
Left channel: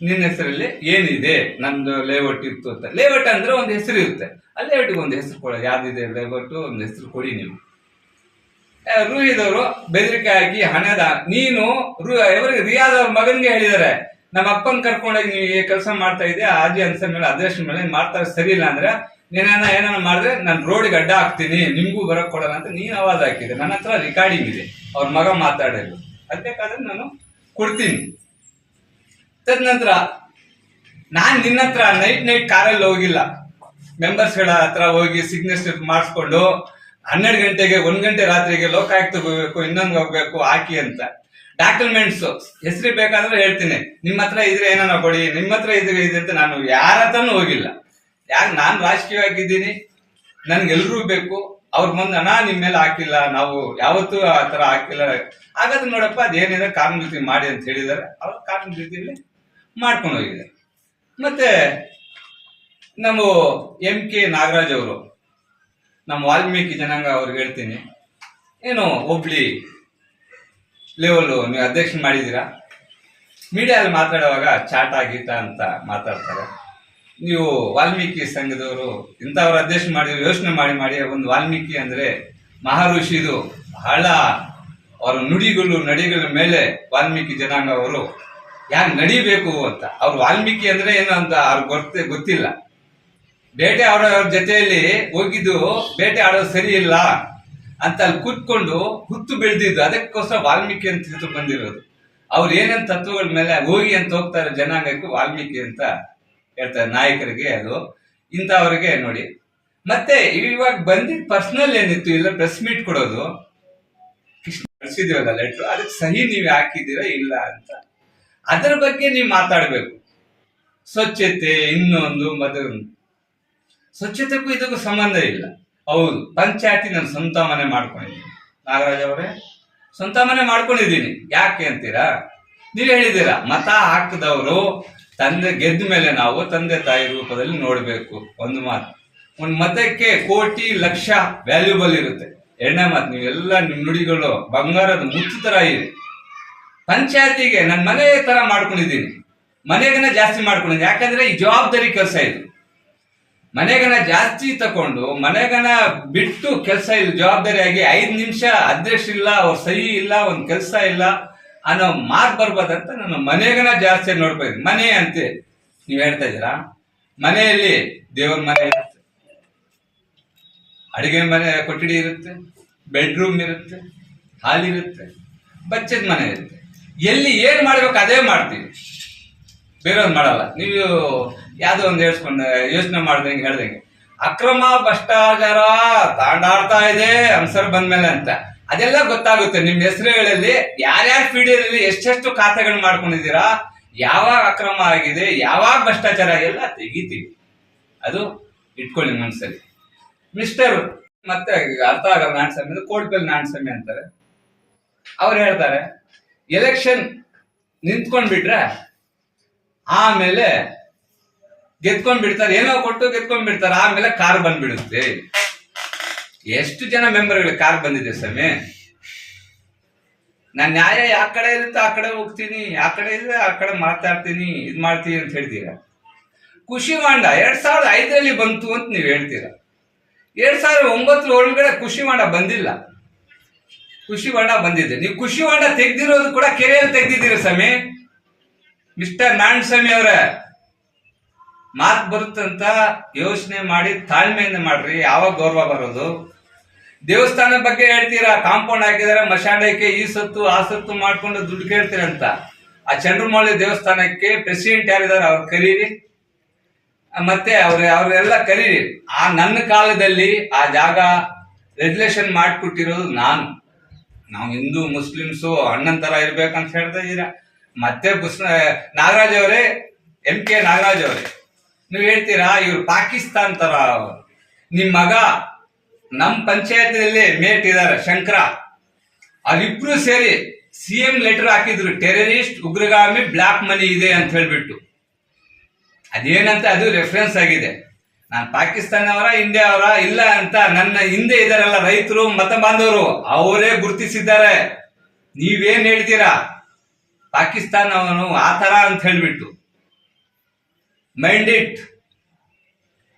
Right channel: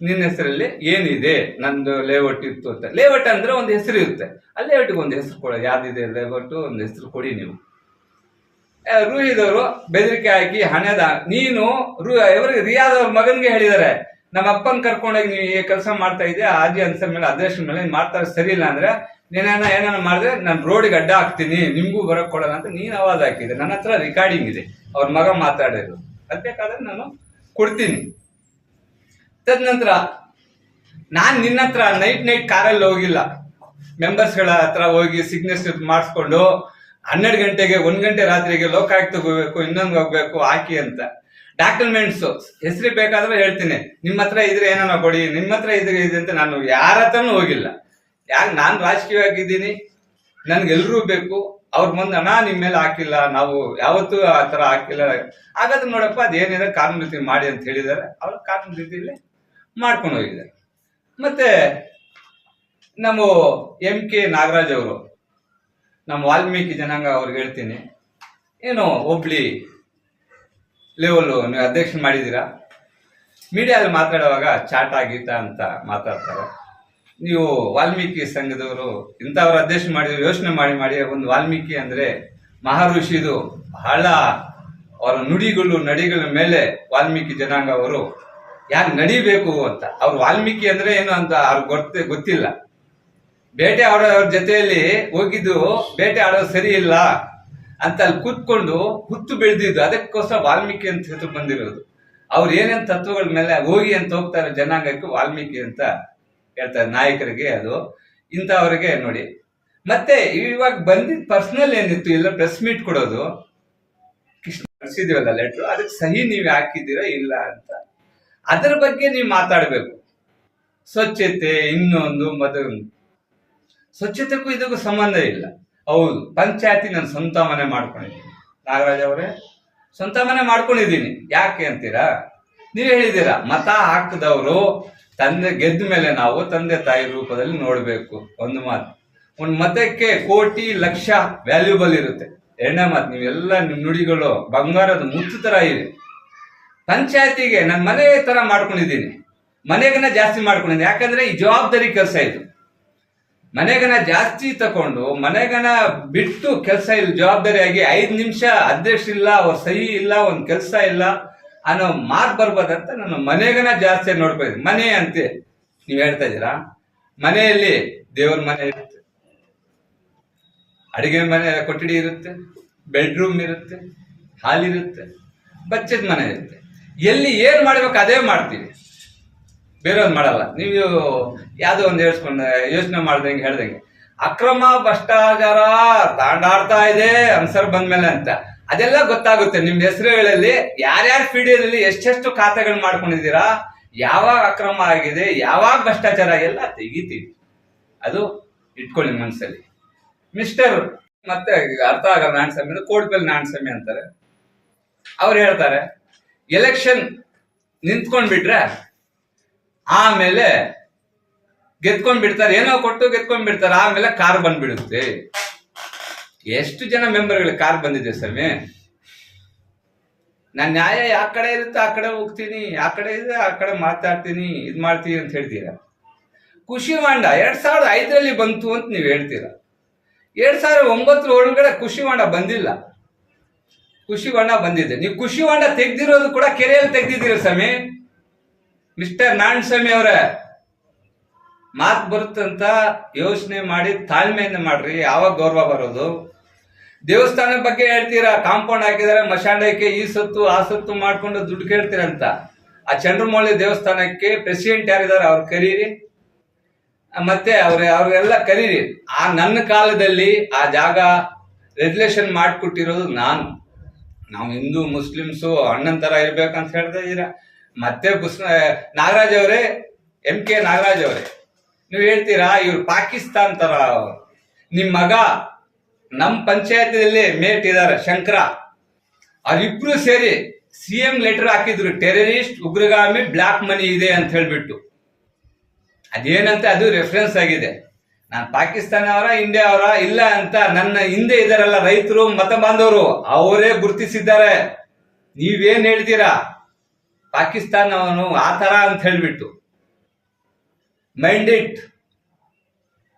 ನಿನ್ನ ಹೆಸರಲ್ಲಿ ಏನಿದೆ, ನಂದು ಲೇಔಟ್ ಇತ್ತು ಅಂತ. ಲೇಔಟ್ ಅಂದ್ರೆ ಒಂದು ಹೆಸರು ಇರುತ್ತೆ. ಆ ಲೇಔಟ್ಗೆ ಒಂದು ಹೆಸರು ಕೊಡೋದು ಯಾವ್ದಿದೆ ಲೇಔಟ್ ಒಂದು ಹೆಸರು ಕೊಡಿ ನೀವು. ರೂಹಿದವರು ಬೆದರಿಕೆ ಹಾಕಿ ಹಣದ ನೀನು ರು ಇವರಿಗೆ ರಿಯಾದ್ ಮಗನ್ಗೆ ಹೇಳಿದ್ದಾರೆ ನಮ್ಮ ಅಪ್ಪನ ಕರ್ಕೊಂಡೋಗಿ ನೀವು ಈ ಕೆಲಸ ಮಾಡ್ತಾ ಇದ್ದೆ ಆಜಿ ಅನ್ಸರ್ ಮೇಲೆ ಅಧ್ಯಕ್ಷ ಮೇಲೆ ಮಾಡ್ತಾರೆ ಸರಿ ಇಲ್ಲ ಅಂದ್ರೆ ನೀನೇನ ಏನಾನ ಮಾಡಿದ್ರೆ ನಾನು ರೋಡಿಗೆ ಅಡ್ಡ ಹಾಕ್ತೀನಿ, ನಿಮಗೂ ಬರಕ್ ಕೊಡೋಣ ಅಂತ ನೀನು ಅವಾಜ್ ಹಾಕಿದೆ ನನ್ನ ಹತ್ರ ರೆಕಾರ್ಡಿಂಗ್ ಇದೆ. ಅವ್ರ ಮಗ ಮಾತಾಡಿದ್ರು ಅದ್ ಬೇಕಾದ್ರೆ ನಾನು ಕೊಡ್ತೀನಿ. ತದನಂತರ ನಾನು ನಿನ್ನ ಹತ್ರ ನೈಟ್ ನೈಟ್ ಕಾರಲ್ಲಿ ಹೋಗಿಲ್ಲ. ಮೆಂಬರ್ಸ್ಗಳ ಹತ್ರ ಹೋಗಿ ಸಿಗ್ನೇಚರ್ ಮಾಡಿಸ್ಕೊಂಡು ಹನ್ನೆರಡು ಗಂಟೆಗೆ, ಒಂದು ಗಂಟೆ ರಾತ್ರಿಗೆ ಲೋಕಾಯುಕ್ತ ಹೋಗ್ಬೇಕು, ಇನ್ನೊಂದು ಹೋಗ್ಬೇಕು, ಹಾಕಿ ಅಂತ. ಡಾಕ್ಯುಮೆಂಟ್ಸ್ ಹೆಸರು ಬೇಕಾದ್ರೆ ಹೇಳ್ತೀನಿ. ನಿಮ್ಮ ಹತ್ರ ಇದ್ರೆ ಏನೋ ಕೊಡಿ, ನಿಮ್ಮ ಹತ್ರ ಇದ್ರೆ ಇದೆ ಅಂತ ನಾನು ಯಾರ ಹತ್ರನೂ ಹೋಗಿಲ್ಲ. ಯಾಕೆ ನಾನು ರಾಜಕೀಯವಾಗಿದ್ದೀನಿ. ನನ್ಗೆಲ್ರೂ ಬೇಕು. ಅವ್ರ ಮುಂದೆ ಹಣ ನಿಮ್ಮ ಮೇಲೆ ಹಾಕಿಲ್ಲ. ನಾವು ಯಾವತ್ತೂ ಆ ಥರ ಹಾಕಿಲ್ಲ. ಹಾಗಾದ್ರೆ ನೋಡಪ್ಪ, ಅದೇನಿದೆ? ಕಾನೂನು ರೀತಿ ಮಾಡಿ ಅಂತ ಹೇಳಿದ್ದಾರೆ. ಅವ್ರು ಕಾನೂನು ರೀತಿಯಲ್ಲಿ ಮಾಡ್ಕೊಂಡು ಹೋಗಿದೆ. ಮತ್ತೆ ನಮ್ಮ ಎಂ ಕೆ ನಾಗರಾಜ್ ಅವರು, ನಮ್ಮ ವಾಲ್ಮೀಕಿ ಜನಾಂಗ ಅವ್ರಿಗೆ ಹೇಳ್ತೀನಿ. ಏನು ಹುಬ್ಳಿ ಲೆವೆಲ್ ನೀವು ಅಧ್ಯಕ್ಷ ಮಾಡಿದ್ದೀರಾ? ಮೀಡಿಯಾದಲ್ಲಿ ಮಾತಾಡುವಾಗ ಚಾಟ, ಗೀಟ ಅಂತ ಮಾತಾಡ್ತಾರೆ. ನೀವು ವಾಲ್ಮೀಕಿ ಸಂಘದವರು, ಇಂಥವ್ರ ಅಧ್ಯಕ್ಷ ಮಾಡಿ ಯೋಚನೆ ಮಾಡಿ ಮಾಡಿ, ಒಂದು ವಾಲ್ಮೀಕಿ ಅಂದರೆ ಮಹಾಋಷಿದು ಬಹಳ ಅವರ ನುಡಿಗಳು, ನಡಿಗಳ ಮೇಲೆ ವಾಲ್ಮೀಕಿ ಜನಾಂಗ ಅವರು ಯಾರು ನಡಿಬೇಕು ಅಂತ. ಅವ್ರು ವಾಲ್ಮೀಕಿ ಅಂದರೆ ಏನು ಅಂತ ಅವ್ರಿಗೆ ಗೊತ್ತೇ, ಗೊತ್ತಿಲ್ಲ. ಬೇಟೆ ಆಡೋ ಜೊತೆಯಲ್ಲಿ ಹೋಗಿದ್ದು, ಬೇಟೆ ಆಡೋದು ಸರಿ ಇಲ್ಲ. ಅಂತ ಅಲ್ಲಿ ಕೂತ್ಕೊಂಡು ಹುತ್ತು ಬೆಳೆದಿದ್ದು. ಅದಕ್ಕೋಸ್ಕರ ವಾಲ್ಮೀಕಿ ಅಂತ ಹೇಳ್ತು ಬಂದಿರೋದು. ಅವ್ರು ಏನೇನು ತತ್ವಗಳ ಮೇಲೆ ಹೋಗಿ ಅಂತ ಹೋಗ್ತಾರೆ ಜನಾಂಗಕ್ಕೆ ವಾಲ್ಮೀಕಿ ಅಂತ ಹೇಳ್ತಾರೆ ನಾಯಕರಿಗೆ ಅದು. ಇಂಥವ್ರಿಗೆ ನೋಡಿ. ಮತ್ತೆ ಇವಾಗ ಬಂದಿದ್ ಪರ್ಸನಲ್ ಏನಿತ್ತು? ಇಲ್ಲ ಪ್ರೆಸ್ ಮೀಟ್ ಕೊಡೋದು. ಕೃಷ್ಣ ಕಳಿಸಿದೀವಲ್ಲ ಲೆಟ್ರು ಅದಕ್ಕೆ ಸಹಿ ನೀವು ಹಾಕಿದ್ದೀರಾ ಇಲ್ಲ ಅಂತ. ಅದರ ಬಗ್ಗೆ ನೀವು ಮಾತಾಡಬೇಕು. ಸ್ವಚ್ಛತೆ ಇನ್ನೊಂದು ಮತ್ತೊಂದು ಸ್ವಚ್ಛತೆಗೂ ಇದಕ್ಕೂ ಸಂಬಂಧ ಇಲ್ಲ. ಹೌದು, ಪಂಚಾಯತಿ ನಾನು ಸ್ವಂತ ಮನೆ ಮಾಡ್ಕೊಂಡಿದ್ದೀನಿ. ನಾಗರಾಜ್ ಅವರೇ ಸ್ವಂತ ಮನೆ ಮಾಡ್ಕೊಂಡಿದ್ದೀನಿ. ಯಾಕೆ ಅಂತೀರಾ? ನೀವು ಹೇಳಿದ್ದೀರಾ, ಮತ ಹಾಕಿದವರು ತಂದೆ ಗೆದ್ದ ಮೇಲೆ ನಾವು ತಂದೆ ತಾಯಿ ರೂಪದಲ್ಲಿ ನೋಡಬೇಕು. ಒಂದು ಮಾತು. ಒಂದು ಮತಕ್ಕೆ ಕೋಟಿ, ಲಕ್ಷ ವ್ಯಾಲ್ಯೂಬಲ್ ಇರುತ್ತೆ. ಎರಡನೇ ಮಾತು, ನೀವೆಲ್ಲ ನಿಮ್ಮ ನುಡಿಗಳು ಬಂಗಾರದ ಮುಚ್ಚು ತರ ಇದೆ ಪಂಚಾಯತಿಗೆ ನನ್ನ ಮನೆ ತರ ಮಾಡ್ಕೊಂಡಿದ್ದೀನಿ. ಮನೆಗನ್ನ ಜಾಸ್ತಿ ಮಾಡ್ಕೊಂಡಿದ್ದೀನಿ. ಯಾಕಂದ್ರೆ ಈ ಜವಾಬ್ದಾರಿ ಕೆಲಸ ಇದು. ಮನೆಗನ ಜಾಸ್ತಿ ತಕೊಂಡು ಮನೆಗನ ಬಿಟ್ಟು ಕೆಲಸ ಇಲ್ಲ, ಜವಾಬ್ದಾರಿಯಾಗಿ ಐದು ನಿಮಿಷ ಅಧ್ಯಕ್ಷ ಇಲ್ಲ, ಅವ್ರ ಸಹಿ ಇಲ್ಲ, ಒಂದು ಕೆಲಸ ಇಲ್ಲ ಅನ್ನೋ ಮಾತು ಬರ್ಬೋದಂತ ನಾನು ಮನೆಗನ ಜಾಸ್ತಿ ಇದ್ದೀನಿ. ಮನೆ ಅಂತೆ, ನೀವು ಹೇಳ್ತಾ ಇದ್ದೀರಾ? ಮನೆಯಲ್ಲಿ ದೇವ್ರ ಮನೆ ಇರುತ್ತೆ. ಅಡಿಗೆ ಮನೆ ಕೊಠಡಿ ಇರುತ್ತೆ, ಬೆಡ್ರೂಮ್ ಇರುತ್ತೆ, ಹಾಲ್ ಇರುತ್ತೆ, ಬಚ್ಚದ ಮನೆ ಇರುತ್ತೆ. ಎಲ್ಲಿ ಏನು ಮಾಡ್ಬೇಕು ಅದೇ ಮಾಡ್ತೀವಿ. ಬೇರೆಯವ್ರು ಮಾಡಲ್ಲ. ನೀವು ಯಾವ್ದೋ ಒಂದು ಹೇಳ್ಸ್ಕೊಂಡ ಯೋಚನೆ ಮಾಡ್ದಂಗೆ ಹೇಳ್ದಂಗೆ ಅಕ್ರಮ ಭ್ರಷ್ಟಾಚಾರ ತಾಂಡಾಡ್ತಾ ಇದೆ ಅನ್ಸರ್ ಬಂದ್ಮೇಲೆ ಅಂತ. ಅದೆಲ್ಲ ಗೊತ್ತಾಗುತ್ತೆ. ನಿಮ್ ಹೆಸರುಗಳಲ್ಲಿ ಯಾರ್ಯಾರ ಪೀಡಿಯಲ್ಲಿ ಎಷ್ಟೆಷ್ಟು ಖಾತೆಗಳನ್ನ ಮಾಡ್ಕೊಂಡಿದ್ದೀರಾ, ಯಾವಾಗ ಅಕ್ರಮ ಆಗಿದೆ, ಯಾವಾಗ ಭ್ರಷ್ಟಾಚಾರ ಎಲ್ಲ ತೆಗಿತೀವಿ. ಅದು ಇಟ್ಕೊಳ್ಳಿ ಮನಸ್ಸಲ್ಲಿ ಮಿಸ್ಟರ್ ಮತ್ತೆ ಅರ್ಥ ಆಗಲ್ಲ ನಾಣ್ಸ್ವಾಮಿ ಅಂದ್ರೆ ಕೋಡ್ಪಲ್ಲಿ ನಾಣ್ಸ್ವಾಮಿ ಅಂತಾರೆ. ಅವ್ರು ಹೇಳ್ತಾರೆ, ಎಲೆಕ್ಷನ್ ನಿಂತ್ಕೊಂಡ್ಬಿಟ್ರೆ ಆಮೇಲೆ ಗೆದ್ಕೊಂಡ್ ಬಿಡ್ತಾರೆ, ಏನೋ ಕೊಟ್ಟು ಗೆದ್ಕೊಂಡ್ ಬಿಡ್ತಾರೆ ಆಮೇಲೆ ಕಾರ್ ಬಂದ್ಬಿಡುತ್ತೆ. ಎಷ್ಟು ಜನ ಮೆಂಬರ್ಗಳು ಕಾರ್ ಬಂದಿದೆ ಸ್ವಾಮಿ? ನಾನು ನ್ಯಾಯ ಯಾವ ಕಡೆ ಇರುತ್ತೆ, ಆ ಕಡೆ ಹೋಗ್ತೀನಿ, ಆ ಕಡೆ ಇದ್ರೆ ಆ ಕಡೆ ಮಾತಾಡ್ತೀನಿ, ಇದು ಮಾಡ್ತೀನಿ ಅಂತ ಹೇಳ್ತೀರಾ? ಖುಷಿ ಹೊಂಡ ಎರಡ್ ಸಾವಿರದ ಐದರಲ್ಲಿ ಬಂತು ಅಂತ ನೀವು ಹೇಳ್ತೀರಾ? ಎರಡ್ ಸಾವಿರದ ಒಂಬತ್ತರ ಒಳಗಡೆ ಖುಷಿ ಹೊಂಡ ಬಂದಿಲ್ಲ. ಖುಷಿ ಹೊಂಡ ಬಂದಿದೆ. ನೀವು ಖುಷಿ ಹೊಂಡ ತೆಗ್ದಿರೋದು ಕೂಡ ಕೆರೆಯಲ್ಲಿ ತೆಗ್ದಿದ್ದೀರ ಸ್ವಾಮಿ? ಮಿಸ್ಟರ್ ನಾರಾಯಣ ಸ್ವಾಮಿ ಅವರೇ. ಮಾತು ಬರುತ್ತಂತ ಯೋಚನೆ ಮಾಡಿ ತಾಳ್ಮೆಯಿಂದ ಮಾಡ್ರಿ, ಯಾವಾಗ ಗೌರವ ಬರೋದು. ದೇವಸ್ಥಾನದ ಬಗ್ಗೆ ಹೇಳ್ತೀರಾ? ಕಾಂಪೌಂಡ್ ಹಾಕಿದಾರೆ ಮಶಾಂಡಕ್ಕೆ ಈ ಸತ್ತು, ಆ ಸತ್ತು ಮಾಡ್ಕೊಂಡು ದುಡ್ಡು ಕೇಳ್ತೀರಂತ. ಆ ಚಂದ್ರಮೌಳಿ ದೇವಸ್ಥಾನಕ್ಕೆ ಪ್ರೆಸಿಡೆಂಟ್ ಯಾರಿದ್ದಾರೆ ಅವ್ರು ಕರೀರಿ. ಮತ್ತೆ ಅವ್ರ, ಅವ್ರೆಲ್ಲ ಕರೀರಿ. ಆ ನನ್ನ ಕಾಲದಲ್ಲಿ ಆ ಜಾಗ ರೆಗ್ಯುಲೇಷನ್ ಮಾಡಿಕೊಟ್ಟಿರೋದು ನಾನು. ನಾವು ಹಿಂದೂ ಮುಸ್ಲಿಮ್ಸು, ಅಣ್ಣನ್ ತರ ಇರ್ಬೇಕಂತ ಹೇಳ್ತಾ ಇದ್ದೀರಾ. ಮತ್ತೆ ಪುಸ್ ನಾಗರಾಜ್ ಅವರೇ ಎಂ ಕೆ ನಾಗರಾಜ್ ಅವರೇ. ನೀವು ಹೇಳ್ತೀರಾ, ಇವ್ರು ಪಾಕಿಸ್ತಾನ್ ತರ. ಅವ್ರು. ನಿಮ್ ಮಗ ನಮ್ ಪಂಚಾಯತಿನಲ್ಲಿ ಮೇಟ್ ಇದಾರೆ, ಶಂಕರ. ಅವರಿಬ್ರು ಸೇರಿ ಸಿ ಎಂ ಲೆಟರ್ ಹಾಕಿದ್ರು ಟೆರರಿಸ್ಟ್ ಉಗ್ರಗಾಮಿ ಬ್ಲಾಕ್ ಮನಿ ಇದೆ ಅಂತ ಹೇಳ್ಬಿಟ್ಟು. ಅದೇನಂತ, ಅದು ರೆಫರೆನ್ಸ್ ಆಗಿದೆ. ನಾನು ಪಾಕಿಸ್ತಾನ ಅವರ ಇಂಡಿಯಾ ಅವರ ಇಲ್ಲ ಅಂತ ನನ್ನ ಹಿಂದೆ ಇದಾರಲ್ಲ ರೈತರು, ಮತ ಬಾಂಧವರು, ಅವರೇ ಗುರುತಿಸಿದ್ದಾರೆ. ನೀವೇನ್ ಹೇಳ್ತೀರಾ? ಪಾಕಿಸ್ತಾನವನು ಆ ಥರ ಅಂತ ಹೇಳ್ಬಿಟ್ಟು. ಮೈಂಡ್ ಇಟ್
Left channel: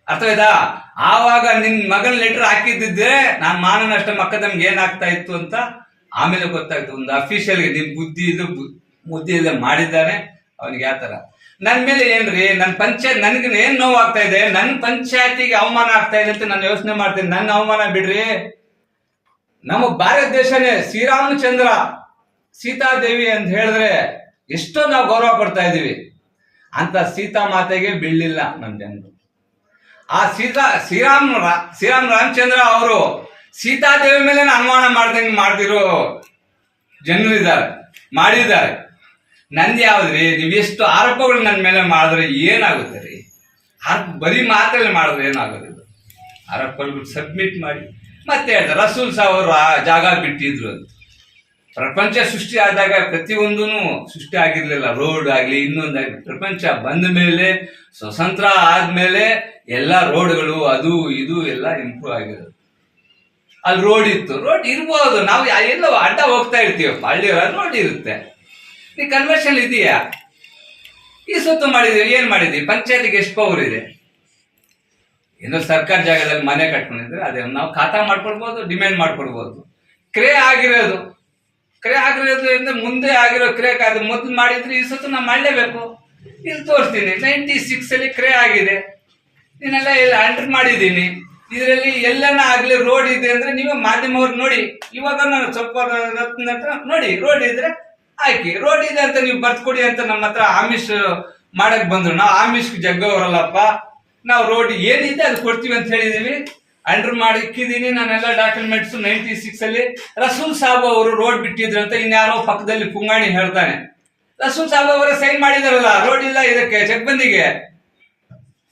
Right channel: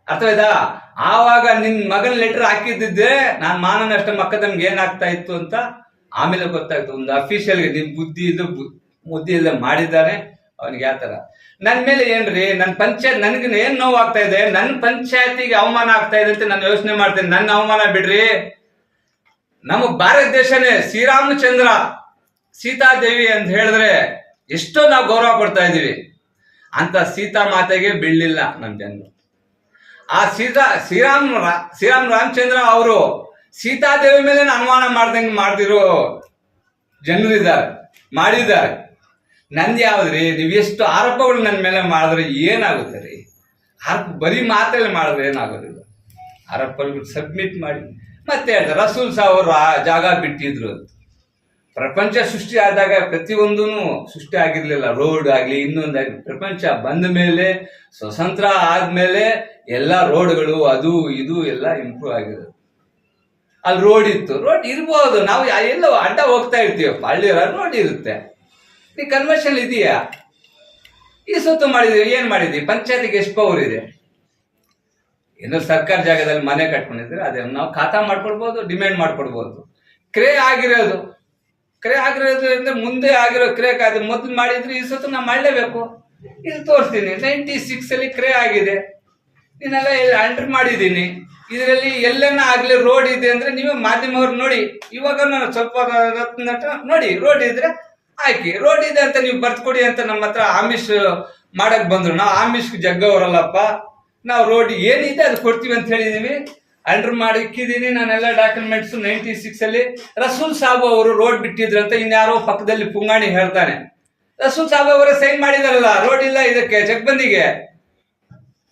ಅರ್ಥವಾಯ್ತಾ? ಆವಾಗ ನಿನ್ ಮಗನ ಲೆಟರ್ ಹಾಕಿದ್ದಿದ್ರೆ ನಾನ್ ಮಾನ ನಷ್ಟ ನಮ್ಗೆ ಏನಾಗ್ತಾ ಇತ್ತು ಅಂತ ಆಮೇಲೆ ಗೊತ್ತಾಯ್ತು. ಒಂದು ಅಫಿಷಿಯಲ್ ನಿನ್ ಬುದ್ಧಿ ಇದು ಬುದ್ಧಿ ಇಲ್ಲ ಮಾಡಿದ್ದಾನೆ. ಅವನಿಗೆ ಯಾವ ಥರ? ನನ್ ಮೇಲೆ ಏನ್ರಿ? ನನ್ ಪಂಚಾಯತ್ ನನ್ಗ ಏನ್ ನೋವಾಗ್ತಾ ಇದೆ? ನನ್ನ ಪಂಚಾಯತಿಗೆ ಅವಮಾನ ಆಗ್ತಾ ಇದೆ ಅಂತ ನಾನು ಯೋಚನೆ ಮಾಡ್ತೇನೆ. ನನ್ನ ಅವಮಾನ ಬಿಡ್ರಿ. ನಮ್ಮ ಭಾರತ ದೇಶನೇ ಶ್ರೀರಾಮಚಂದ್ರ ಸೀತಾದೇವಿ ಅಂತ ಹೇಳಿದ್ರೆ ಎಷ್ಟೋ ನಾವು ಗೌರವ ಪಡ್ತಾ ಇದೀವಿ ಅಂತ ಸೀತಾ ಮಾತೆಗೆ ಬೀಳಲಿಲ್ಲ ನಮ್ಮ ಜನರು. ಆ ಸೀತಾ, ಶ್ರೀರಾಮ್ ಶ್ರೀರಾಮ್ ರಾಮಚಂದ್ರ ಅವರು ಸೀತಾದೇವಿ ಮೇಲೆ ಅನುಮಾನ ಮಾಡ್ದಂಗೆ ಮಾಡ್ದಿರೋ ಜನರು ಇದ್ದಾರೆ, ಮಾಡಿದ್ದಾರೆ. ನಂದು ಯಾವ್ದ್ರಿ? ನೀವು ಎಷ್ಟು ಆರೋಪಗಳು ನನ್ನ ಮೇಲೆ ಮಾಡಿದ್ರೆ ಏನಾಗುತ್ತೆ ರೀ? ಆರೋಪ ಬರೀ ಮಾತಲ್ಲಿ ಮಾಡಿದ್ರೆ ಏನಾಗೋದಿಲ್ಲ. ಆರೋಪಗಳು ಸಬ್ಮಿಟ್ ಮಾಡಿ. ಮತ್ತೆ ಹೇಳ್ತಾರೆ, ರಸೂಲ್ ಸಾವ್ರ ಜಾಗ ಬಿಟ್ಟಿದ್ರು ಅಂತ. ಪ್ರಪಂಚ ಸೃಷ್ಟಿ ಆದಾಗ ಪ್ರತಿಯೊಂದೂ ಸೃಷ್ಟಿ ಆಗಿರ್ಲಿಲ್ಲ. ರೋಡ್ ಆಗಲಿ ಇನ್ನೊಂದಾಗಲಿ ಪ್ರಪಂಚ ಬಂದ ಮೇಲೆ, ಸ್ವತಂತ್ರ ಆದ್ಮೇಲೆ ಎಲ್ಲ ರೋಡ್ಗಳು ಅದು ಇದು ಎಲ್ಲ ಇಂಪ್ರೂವ್ ಆಗಿದೆ ಅಲ್ಲಿ ರೋಡ್ ಇತ್ತು. ರೋಡ್ ಇರ್ಬೋದು. ನಾವು ಎಲ್ಲೋ ಅಡ್ಡ ಹೋಗ್ತಾ ಇರ್ತೀವಿ. ಹಳ್ಳಿ ರೋಡ್ ಇರುತ್ತೆ. ಈ ಕನ್ವರ್ಷನ್ ಇದೆಯಾ? ಈ ಸೊತ್ತು ಮಾಡಿದೀವಿ, ಏನು ಮಾಡಿದೀವಿ? ಪಂಚಾಯತಿಗೆ ಎಷ್ಟು ಪವರ್ ಇದೆ? ಏನು ಸರ್ಕಾರ ಜಾಗದಲ್ಲಿ ಮನೆ ಕಟ್ಕೊಂಡಿದ್ರೆ ಅದೇ, ನಾವು ಖಾತಾ ಮಾಡ್ಕೊಡ್ಬೋದು ಡಿಮ್ಯಾಂಡ್ ಮಾಡ್ಕೊಡ್ಬೋದು ಕ್ರೇ ಆಗಿರೋದು. ಕ್ರೇ ಆಗಿರೋದ್ರಿಂದ ಮುಂದೆ ಆಗಿರೋ ಕ್ರಿಯೆ ಅದು ಮೊದಲು ಮಾಡಿದ್ರೆ ಈ ಸತ್ತು ನಾವು ಮಾಡಲೇಬೇಕು. ಇಲ್ಲಿ ತೋರಿಸ್ತೀನಿ ನೈಂಟಿ ಸಿಕ್ಸ್ ಅಲ್ಲಿ ಕ್ರೇ ಆಗಿದೆ. ಇದನ್ನೆಲ್ಲ ಎಂಟರ್ ಮಾಡಿದ್ದೀನಿ. ಇದರಲ್ಲಿ ಎಲ್ಲನ ಆಗಲಿ ರೋಡ್ ಇದೆ ಅಂದ್ರೆ ನೀವೇ ಮಾಧ್ಯಮವ್ರು ನೋಡಿ, ಇವಾಗ ನಾನು ಸ್ವಲ್ಪ ನೋಡಿ ರೋಡ್ ಇದ್ರೆ ಹಾಕಿ. ರೋಡ್ ಇದೆ ಅಂತ ನೀವು ಬರ್ತ್ಕೊಡಿ ಅಂತ ನಮ್ಮ ಹತ್ರ ಆಮಿಷ್ ಮಾಡಕ್ ಬಂದ್ರು. ನಾವು ಆಮಿಷ್ ಜಗ್ಗವರಲ್ಲಪ್ಪ. ನಾವು ರೋಡ್ ಏನಿದೆ ಅದು ಕೊಡ್ತೀವಿ ಅಂತ ಹೇಳಿದೀವಿ. ಅಂಡರ್ ಮಾಡಿ ಇಕ್ಕಿದ್ದೀನಿ ನಾನೆಲ್ಲ ಡಾಕ್ಯುಮೆಂಟ್ಸ್ ನೈಂಟಿ ಸಿಕ್ಸ್ ಅಲ್ಲಿ. ರಸೂಲ್ ಸಾಬ್ ಅವರು ರೋಡ್ ಬಿಟ್ಟಿದ್ರು ಅಂತ ಇನ್ಯಾರೋ ಪಕ್ಕದಲ್ಲಿ ಪುಂಗಾಣಿ ಹೇಳ್ತಾನೆ. ರಸೂಲ್ ಸಾಬ್ ಅವರ ಸೈನ್ ಮಾಡಿದಾರಲ್ಲ ರೋಡ್ ಇಲ್ಲ ಇದಕ್ಕೆ, ಜಗ್ಬಂದಿಗೆ.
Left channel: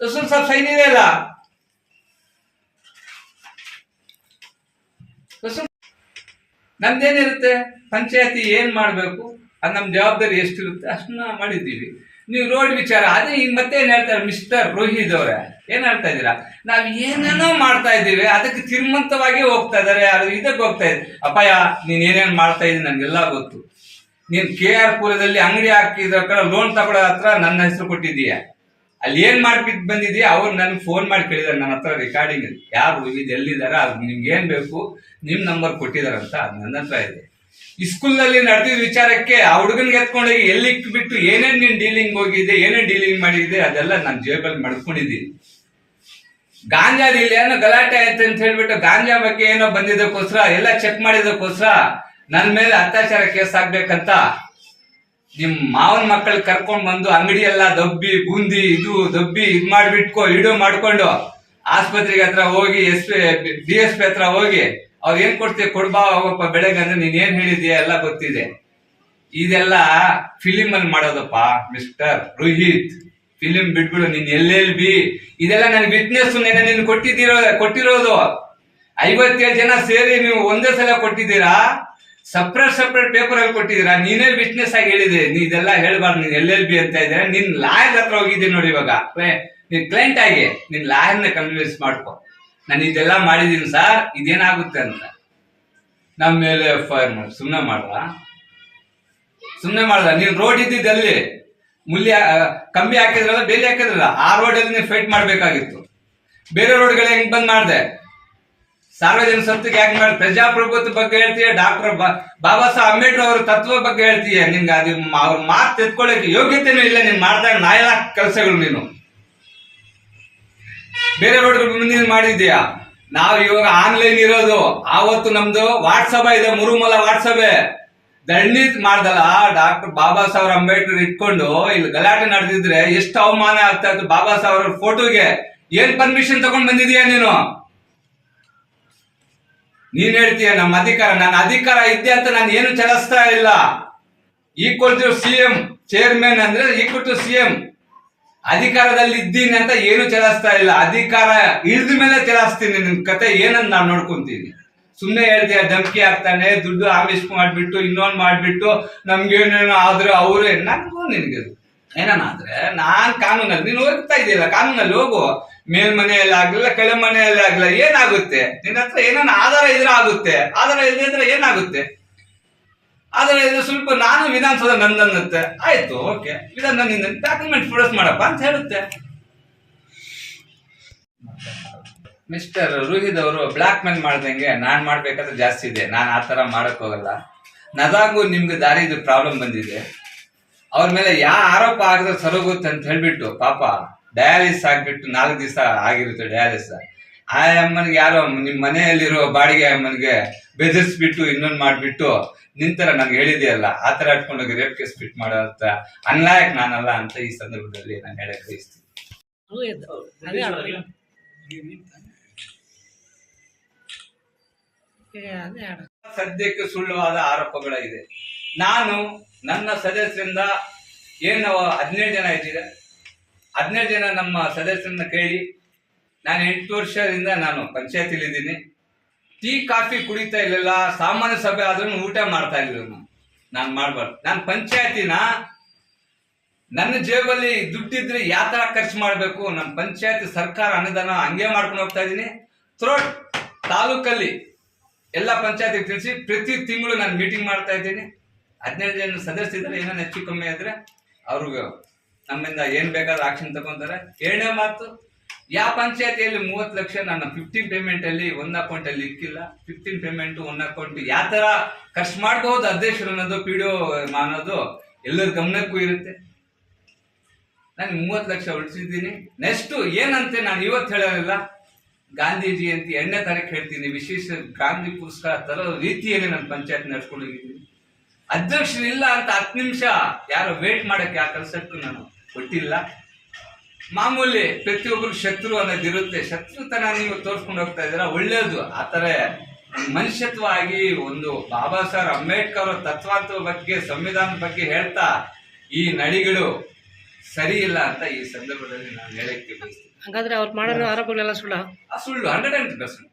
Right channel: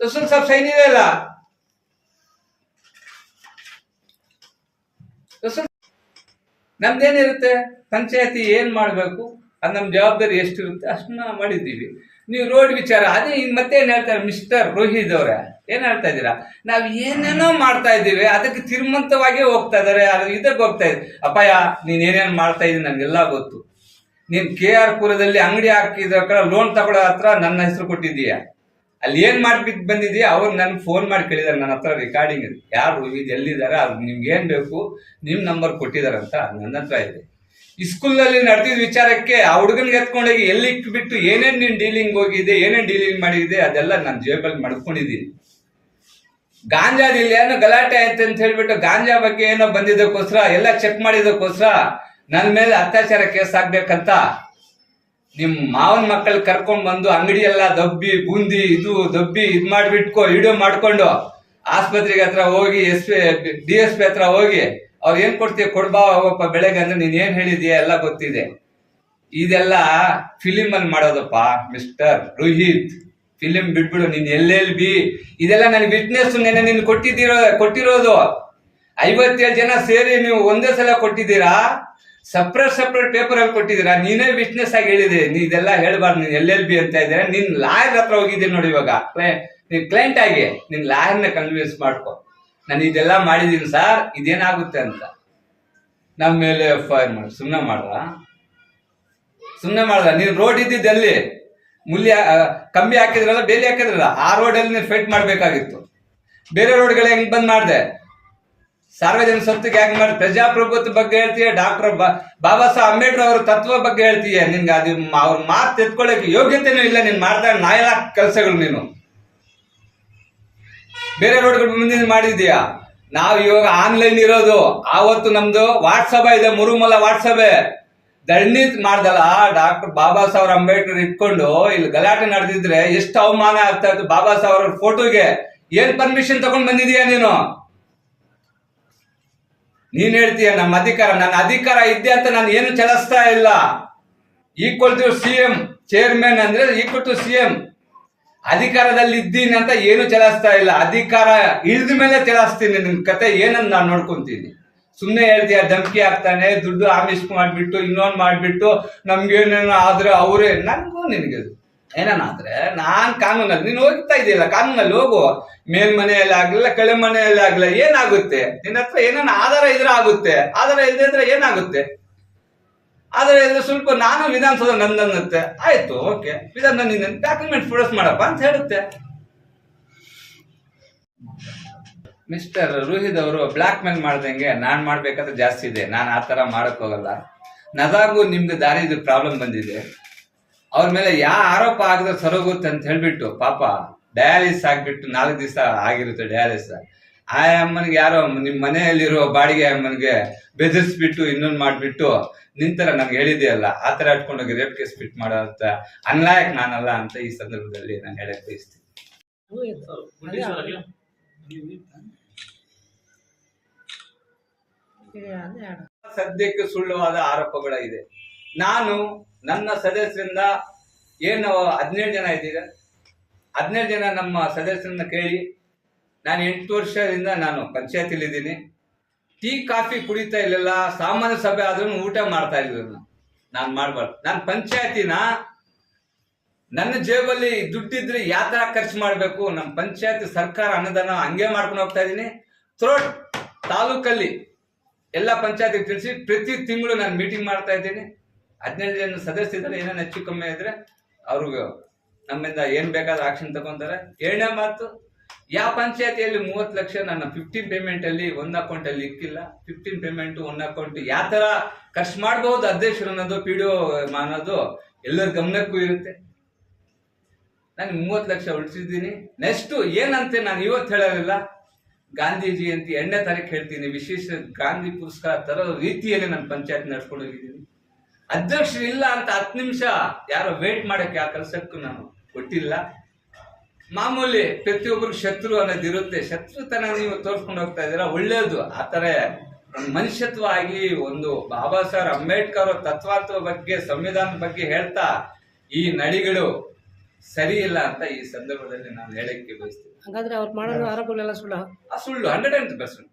ರಸೂಲ್ ಸಾಬ್ ಸೈನ್ ಇದೆ ಇಲ್ಲ ರಸೂಲ್ ನಮ್ದೇನಿರುತ್ತೆ? ಪಂಚಾಯತಿ ಏನ್ ಮಾಡ್ಬೇಕು? ಅದು ನಮ್ ಜವಾಬ್ದಾರಿ ಎಷ್ಟಿರುತ್ತೆ? ಅಷ್ಟನ್ನ ಮಾಡಿದ್ದೀವಿ. ನೀವು ರೋಡ್ ವಿಚಾರ, ಅದೇ ಮತ್ತೆ ಏನ್ ಹೇಳ್ತಾರೆ ಮಿಸ್ಟರ್ ರೋಹಿತ್ ಅವರೇ? ಏನ್ ಹೇಳ್ತಾ ಇದ್ದೀರಾ? ನಾವ್ ಏನೇನೋ ಮಾಡ್ತಾ ಇದ್ದೀವಿ, ಅದಕ್ಕೆ ತಿರ್ಮಂತವಾಗಿ ಹೋಗ್ತಾ ಇದಾರೆ ಅದು ಇದಕ್ಕೆ ಹೋಗ್ತಾ ಇದೆ. ಅಪಾಯ ನೀನ್ ಏನೇನ್ ಮಾಡ್ತಾ ಇದ್ದೀನಿ ನನ್ಗೆಲ್ಲ ಗೊತ್ತು. ನೀನ್ ಕೆ ಆರ್ ಪುರದಲ್ಲಿ ಅಂಗಡಿ ಹಾಕಿದ ಕಡೆ ಲೋನ್ ತಗೊಳ್ಳೋ ಹತ್ರ ನನ್ನ ಹೆಸರು ಕೊಟ್ಟಿದೀಯ ಅಲ್ಲಿ ಏನ್ ಮಾಡ್ಬಿಟ್ಟು ಬಂದಿದ್ಯಾ ಅವ್ರು ನನ್ಗೆ ಫೋನ್ ಮಾಡಿ ಕೇಳಿದಾರೆ, ನನ್ನ ಹತ್ರ ರೆಕಾರ್ಡಿಂಗ್ ಇದೆ. ಯಾರು ಇದು ಎಲ್ಲಿದ್ದಾರೆ ಅದು ನಿಮ್ಗೆ ಏನ್ ಬೇಕು? ನಿಮ್ ನಂಬರ್ ಕೊಟ್ಟಿದಾರಂತ, ಅದು ನನ್ನ ಹತ್ರ ಇದೆ. ಸ್ಕೂಲಲ್ಲಿ ನಡೆದಿದ ವಿಚಾರಕ್ಕೆ ಆ ಹುಡುಗನ್ಗೆ ಎತ್ಕೊಂಡೋಗಿ ಎಲ್ಲಿ ಬಿಟ್ಟು ಏನೇನ್ ನೀನ್ ಡೀಲಿಂಗ್ ಹೋಗಿದೆ, ಏನೇನ್ ಡೀಲಿಂಗ್ ಮಾಡಿದೆ, ಅದೆಲ್ಲ ನಾನು ಜೇಬಲ್ಲಿ ಮಾಡ್ಕೊಂಡಿದ್ದೀನಿ. ಗಾಂಜಾದಿಲ್ಲ ಏನೋ ಗಲಾಟೆ ಆಯ್ತು ಅಂತ ಹೇಳ್ಬಿಟ್ಟು ಗಾಂಜಾ ಬಗ್ಗೆ ಏನೋ ಬಂದಿದ್ದಕ್ಕೋಸ್ಕರ, ಎಲ್ಲ ಚೆಕ್ ಮಾಡಿದಕ್ಕೋಸ್ಕರ ನನ್ನ ಮೇಲೆ ಅತ್ಯಾಚಾರ ಕೇಸ್ ಆಗ್ಬೇಕಂತ ನಿಮ್ ಮಾವನ ಮಕ್ಕಳು ಕರ್ಕೊಂಡ್ ಬಂದು ಅಂಗಡಿ ಎಲ್ಲ ದಬ್ಬಿ, ಬೂಂದಿ, ಇದು ದಬ್ಬಿ ಇದ್ ಮಾಡ್ಬಿಟ್ಕೊ ವಿಡಿಯೋ ಮಾಡ್ಕೊಂಡು ಆಸ್ಪತ್ರೆಗೆ ಹತ್ರ ಹೋಗಿ, S P D S P ಹತ್ರ ಹೋಗಿ ಅವ್ರು ಏನ್ ಕೊಡ್ತೀವಿ ಕೊಡ್ಬಾ ಹೋಗಪ್ಪ ಬೆಳಗ್ಗೆ ಅಂದ್ರೆ ನೀನ್ ಏನ್ ಹೇಳಿದೀಯ ಎಲ್ಲ ಗೊತ್ತಿದೆ. ಇದೆಲ್ಲ ಫಿಲಿಮ್ ಅಲ್ಲಿ ಮಾಡೋದಪ್ಪ ಮಿಸ್ಟರ್ ರೋಹಿತ್. ಫಿಲಿಂ ಬಿಟ್ಬಿಡು, ನೀನ್ ಎಲ್ಲೆಲ್ ಬಿ? ಇದೆಲ್ಲ ನನ್ ವಿಟ್ನೆಸ್ ನೆನೆ ನೀನು ಕೊಟ್ಟಿದ್ದೀರೋ, ಕೊಟ್ಟಿರೋದು. ಐವತ್ತೇಳು ಜನ ಸೇರಿ ನೀವು ಒಂದೇ ಸಲ ಕೊಟ್ಟಿದ್ದೀರಾ? ಸಪ್ರೇಟ್ ಸಪ್ರೇಟ್ ಪೇಪರ್ ಅಲ್ಲಿ ಕೊಟ್ಟಿದ್ದೀರಾ? ನೀನೇ ವಿಟ್ನೆಸ್ ಆಗಿ ಹೇಳಿದೆ. ನೀ ಇದೆಲ್ಲ ಹೇಳ್ಬಾರ್ದು, ನೀನ್ ಎಲ್ ಎಲ್ ಬಿ ಅಂತ ಇದ್ರೆ, ನಿನ್ ಲಾಯರ್ ಹತ್ರ ಹೋಗಿದ್ದೀನಿ ನೋಡಿ ಇವಾಗ. ನೀನ್ ಕ್ಲೈಂಟ್ ಆಗಿ, ನಿನ್ ಲಾಯರ್ನ ಕನ್ವಿನ್ಸ್ ಮಾಡ್ಕೊ. ನಾನು ಇದೆಲ್ಲ ಮಾಡಿದ್ದೀನಿ ಸರ್ ಇದೇನಾಗುತ್ತೆ ಅಂತ. ನಮ್ಮ ಮೇಲೆ ಎಫ್ ಐ ಆರ್ ಮಾಡಿ. ಸುಮ್ಮನೆ ಮಾಡ್ರ ಸುಮ್ಮನೆ ಮಾಡ್ದ ನೀನ್ ರೋಡ್ ಇದ್ದಿದ್ದಲ್ಲಿ. ಮೂಲ್ಯ ಕಮ್ಮಿ ಹಾಕಿದ್ರಲ್ಲ, ಬೇಲಿ ಹಾಕಿದ್ರಲ್ಲ, ಆ ರೋಡಲ್ಲಿ ನೀವು ಫೈಟ್ ಮಾಡಬೇಕಾಗಿತ್ತು. ಬೇರೆ ರೋಡ್ಗಳು ಹೆಂಗ್ ಬಂದ್ ಮಾಡಿದೆ? ಸಾರ್ವಜನಿಕ ಸತ್ತಿಗೆ ಯಾಕೆ ಮಾಡಿ ಪ್ರಜಾಪ್ರಭುತ್ವ ಬಗ್ಗೆ ಹೇಳ್ತೀಯ? ಡಾಕ್ಟರ್ ಬಾಬಾ ಸಾಹೇಬ್ ಅಂಬೇಡ್ಕರ್ ಅವ್ರ ತತ್ವ ಬಗ್ಗೆ ಹೇಳ್ತೀಯ? ನಿಂಗೆ ಅದು ಅವ್ರ ಮಾತು ತೆತ್ಕೊಳ್ಳೋಕೆ ಯೋಗ್ಯತೆನೂ ಇಲ್ಲ, ನೀನ್ ಮಾಡ್ತಾ ನಾಯ ಕೆಲಸಗಳು ನೀನು? ಬೇರೆ ರೋಡ್ಗಳು ಮುಂದಿನ ಮಾಡಿದ್ಯಾ ನಾವು ಇವಾಗ ಆನ್ಲೈನ್ ಇರೋದು, ಆವತ್ತು ನಮ್ದು ವಾಟ್ಸಪ್ ಇದೆ, ಮುರುಮಲ ವಾಟ್ಸಪ್ ದಂಡಿ ಮಾಡ್ದಲ್ಲ, ಡಾಕ್ಟರ್ ಬಾಬಾ ಸಾಹೇಬ್ ಅಂಬೇಡ್ಕರ್ ಇಟ್ಕೊಂಡು ಇಲ್ಲಿ ಗಲಾಟೆ ನಡೆದಿದ್ರೆ ಎಷ್ಟು ಅವಮಾನ ಆಗ್ತಾ ಇತ್ತು ಬಾಬಾ ಸಾಹೇಬ್ರ ಫೋಟೋಗೆ? ಏನ್ ಪರ್ಮಿಷನ್ ತಗೊಂಡ್ ಬಂದಿದೀಯ ನೀನು? ನೀನ್ ಹೇಳ್ತೀಯ ನಮ್ಮ ಅಧಿಕಾರ, ನನ್ನ ಅಧಿಕಾರ ಇದ್ದೆ ಅಂತ ನಾನು ಏನು ಚಲಿಸ್ತಾ ಇಲ್ಲ. Equal to C M chairman ಅಂದ್ರೆ ಈಕ್ವಲ್ ಟು ಸಿ ಎಂ ಅಧಿಕಾರದಲ್ಲಿ ಇದ್ದೀನಿ ಅಂತ ಏನು ಚಲಾಯಿಸ್ತಾ ಇಲ್ಲ. ಅಧಿಕಾರ ಇಳಿದ ಮೇಲೆ ಚಲಾಯಿಸ್ತೀನಿ ನಿನ್ ಕತೆ ಏನಂತ ನಾನು ನೋಡ್ಕೊಂತೀನಿ? ಸುಮ್ಮನೆ ಹೇಳ್ತೀಯ ಧಮಕಿ ಹಾಕ್ತಾನೆ, ದುಡ್ಡು ಆಮಿಸ್ ಮಾಡ್ಬಿಟ್ಟು, ಇನ್ನೊಂದು ಮಾಡ್ಬಿಟ್ಟು, ನಮ್ಗೇನೇನೋ ಆದ್ರೆ ಅವರೇ. ನನಗೂ ನಿನಗೆ ಏನಾದ್ರೆ ನಾನ್ ಕಾನೂನಲ್ಲಿ, ನೀನು ಹೋಗ್ತಾ ಇದೀಯಲ್ಲ, ಕಾನೂನಲ್ಲಿ ಹೋಗು. ಮೇಲ್ಮನೆಯಲ್ಲಿ ಆಗ್ಲಿಲ್ಲ ಕೆಳ ಮನೆಯಲ್ಲಿ ಆಗ್ಲಿಲ್ಲ, ಏನಾಗುತ್ತೆ? ನಿನ್ನ ಹತ್ರ ಏನಾನ ಆಧಾರ ಇದ್ರೆ ಆಗುತ್ತೆ. ಆಧಾರ ಇದ್ರೆ ಏನಾಗುತ್ತೆ? ಆದ್ರೆ ಇದ್ರೆ ಸ್ವಲ್ಪ ನಾನು ವಿಧಾನಸೌಧ ನಂದನ್ನುತ್ತೆ. ಆಯ್ತು, ಓಕೆ. ವಿಧಾನ ನಿನ್ನ ಡಾಕ್ಯುಮೆಂಟ್ ಪ್ರೊಡ್ಯೂಸ್ ಮಾಡಪ್ಪ ಅಂತ ಹೇಳುತ್ತೆ. ಮಿಸ್ಟರ್ ರೋಹಿತ್ ಅವರು ಬ್ಲಾಕ್ ಮೇಲ್ ಮಾಡ್ದಂಗೆ ನಾನ್ ಮಾಡ್ಬೇಕಾದ್ರೆ ಜಾಸ್ತಿ ಇದೆ. ನಾನು ಆ ತರ ಮಾಡಕ್ ಹೋಗಲ್ಲ. ನದಾಗೂ ನಿಮ್ಗೆ ದಾರಿದು ಪ್ರಾಬ್ಲಮ್ ಬಂದಿದೆ. ಅವ್ರ ಮೇಲೆ ಯಾವ ಆರೋಪ ಆಗದ ಸರೋಗುತ್ತೆ ಅಂತ ಹೇಳ್ಬಿಟ್ಟು, ಪಾಪ ಡಯಾಲಿಸ್ ಆಗ್ಬಿಟ್ಟು ನಾಲ್ಕು ದಿವಸ ಆಗಿರುತ್ತೆ ಡಯಾಲಿಸ್ ಆ ಅಮ್ಮನಿಗೆ ಯಾರೋ ನಿಮ್ ಮನೆಯಲ್ಲಿರೋ ಬಾಡಿಗೆ ಅಮ್ಮನಿಗೆ ಬೆದರಿಸ್ಬಿಟ್ಟು ಇನ್ನೊಂದು ಮಾಡ್ಬಿಟ್ಟು ನಿಂತರ ನನ್ಗೆ ಹೇಳಿದೆಯಲ್ಲ, ಆ ತರ ಇಟ್ಕೊಂಡೋಗಿ ರೇಪ್ ಕೇಸ್ ಫಿಟ್ ಮಾಡೋ ಅಂತ ಅನ್ಲಾಯಕ್ ನಾನಲ್ಲ ಅಂತ ಈ ಸಂದರ್ಭದಲ್ಲಿ ನಾನು ಹೇಳಕ್ ಬಯಸ್ತೀನಿ. ಸದ್ಯಕ್ಕೆ ಸುಳ್ಳುವಾದ ಆರೋಪಗಳಿದೆ. ನಾನು ನನ್ನ ಸದಸ್ಯರಿಂದ ಏನು ಹದಿನೇಳು ಜನ ಇದ್ದೀರ? ಹದಿನೇಳು ಜನ ನಮ್ಮ ಸದಸ್ಯರನ್ನ ಕೇಳಿ ನಾನು ಎಂಟು ವರ್ಷದಿಂದ ನಾನು ಪಂಚಾಯತಿಲಿದ್ದೀನಿ ಟೀ, ಕಾಫಿ ಕುಡಿತಾ ಇರಲಿಲ್ಲ, ಸಾಮಾನ್ಯ ಸಭೆ ಆದ್ರೂ ಊಟ ಮಾಡ್ತಾ ಇರಲಿಲ್ಲ ನಾನು. ನಾನು ಮಾಡಬಾರ್ದು. ನಾನು ಪಂಚಾಯತಿನ, ನನ್ನ ಜೇಬಲ್ಲಿ ದುಡ್ಡಿದ್ರೆ ಯಾವ ಖರ್ಚು ಮಾಡಬೇಕು? ನಮ್ಮ ಪಂಚಾಯತಿ ಸರ್ಕಾರ ಅನುದಾನ ಹಂಗೆ ಮಾಡ್ಕೊಂಡು ಹೋಗ್ತಾ ಇದ್ದೀನಿ. ಥ್ರೋಟ್ ತಾಲೂಕಲ್ಲಿ ಎಲ್ಲ ಪಂಚಾಯತಿ ತಿಳಿಸಿ ಪ್ರತಿ ತಿಂಗಳು ನಾನು ಮೀಟಿಂಗ್ ಮಾಡ್ತಾ ಇದ್ದೀನಿ. ಹದಿನೆಂಟು ಜನ ಸದಸ್ಯರಲ್ಲಿ ಏನೇನು ಹೆಚ್ಚು ಕಮ್ಮಿ ಆದರೆ ಅವ್ರಿಗೆ ನಮ್ಮಿಂದ ಏನು ಬೇಕಾದ್ರೂ ಆಕ್ಷನ್ ತಗೊಂತಾರೆ. ಏಳನೇ ಮಾತು ಯಾವ ಪಂಚಾಯತಿಯಲ್ಲಿ ಮೂವತ್ತು ಲಕ್ಷ ನನ್ನ ಫಿಫ್ಟೀನ್ ಪೇಮೆಂಟ್ ಅಲ್ಲಿ ಅಕೌಂಟಲ್ಲಿ ಇಕ್ಕಿಲ್ಲ. ಫಿಫ್ಟೀನ್ ಪೇಮೆಂಟ್ ಒನ್ ಅಕೌಂಟ್ ಯಾವ ಥರ ಖರ್ಚು ಮಾಡಬಹುದು ಅಧ್ಯಕ್ಷರು ಅನ್ನೋದು ಪಿ ಡಿ ಅನ್ನೋದು ಎಲ್ಲರ ಗಮನಕ್ಕೂ ಇರುತ್ತೆ. ನಾನು ಮೂವತ್ತು ಲಕ್ಷ ಉಳಿಸಿದ್ದೀನಿ. ನೆಕ್ಸ್ಟ್ ಏನಂತೆ ನಾನು ಇವತ್ತು ಹೇಳಲಿಲ್ಲ ಗಾಂಧೀಜಿ ಅಂತ ಎರಡನೇ ತಾರೀಕು ಹೇಳ್ತೀನಿ, ವಿಶೇಷ ಗಾಂಧಿ ಪುರಸ್ಕಾರ ತರೋ ರೀತಿಯಲ್ಲಿ ನಾನು ಪಂಚಾಯತ್ ಅಧ್ಯಕ್ಷರು ಇಲ್ಲ ಅಂತ ಹತ್ತು ನಿಮಿಷ ಯಾರೋ ವೇಟ್ ಮಾಡಕ್ಕೆ ಆ ಕೆಲಸಕ್ಕೂ ನಾನು ಕೊಟ್ಟಿಲ್ಲ. ಮಾಮೂಲಿ ಪ್ರತಿಯೊಬ್ಬರು ಶತ್ರು ಅನ್ನೋದಿರುತ್ತೆ ಶತ್ರುತನ ನೀವು ತೋರಿಸ್ಕೊಂಡು ಹೋಗ್ತಾ ಇದ್ದೀರಾ ಒಳ್ಳೆಯದು ಆ ಥರ ಮನುಷ್ಯತ್ವ ಆಗಿ ಒಂದು ಬಾಬಾ ಸಾಹೇಬ್ ಅಂಬೇಡ್ಕರ್ ತತ್ವಾತ್ವ ಬಗ್ಗೆ, ಸಂವಿಧಾನದ ಬಗ್ಗೆ ಹೇಳ್ತಾ ಈ ನಡಿಗಳು ಸರಿ ಇಲ್ಲ ಅಂತ ಈ ಸಂದರ್ಭದಲ್ಲಿ ನಾನು ಹೇಳಕ್ಕೆ ಬಯಸ್ತೀನಿ ಹಂಗಾದ್ರೆ ಅವ್ರು ಮಾಡಿರೋ ಆರೋಪಗಳೆಲ್ಲ ಸುಳ್ಳು? ಆ ಸುಳ್ಳು ಹಂಡ್ರೆಡ್ ಅಂಡ್ ಪರ್ಸೆಂಟ್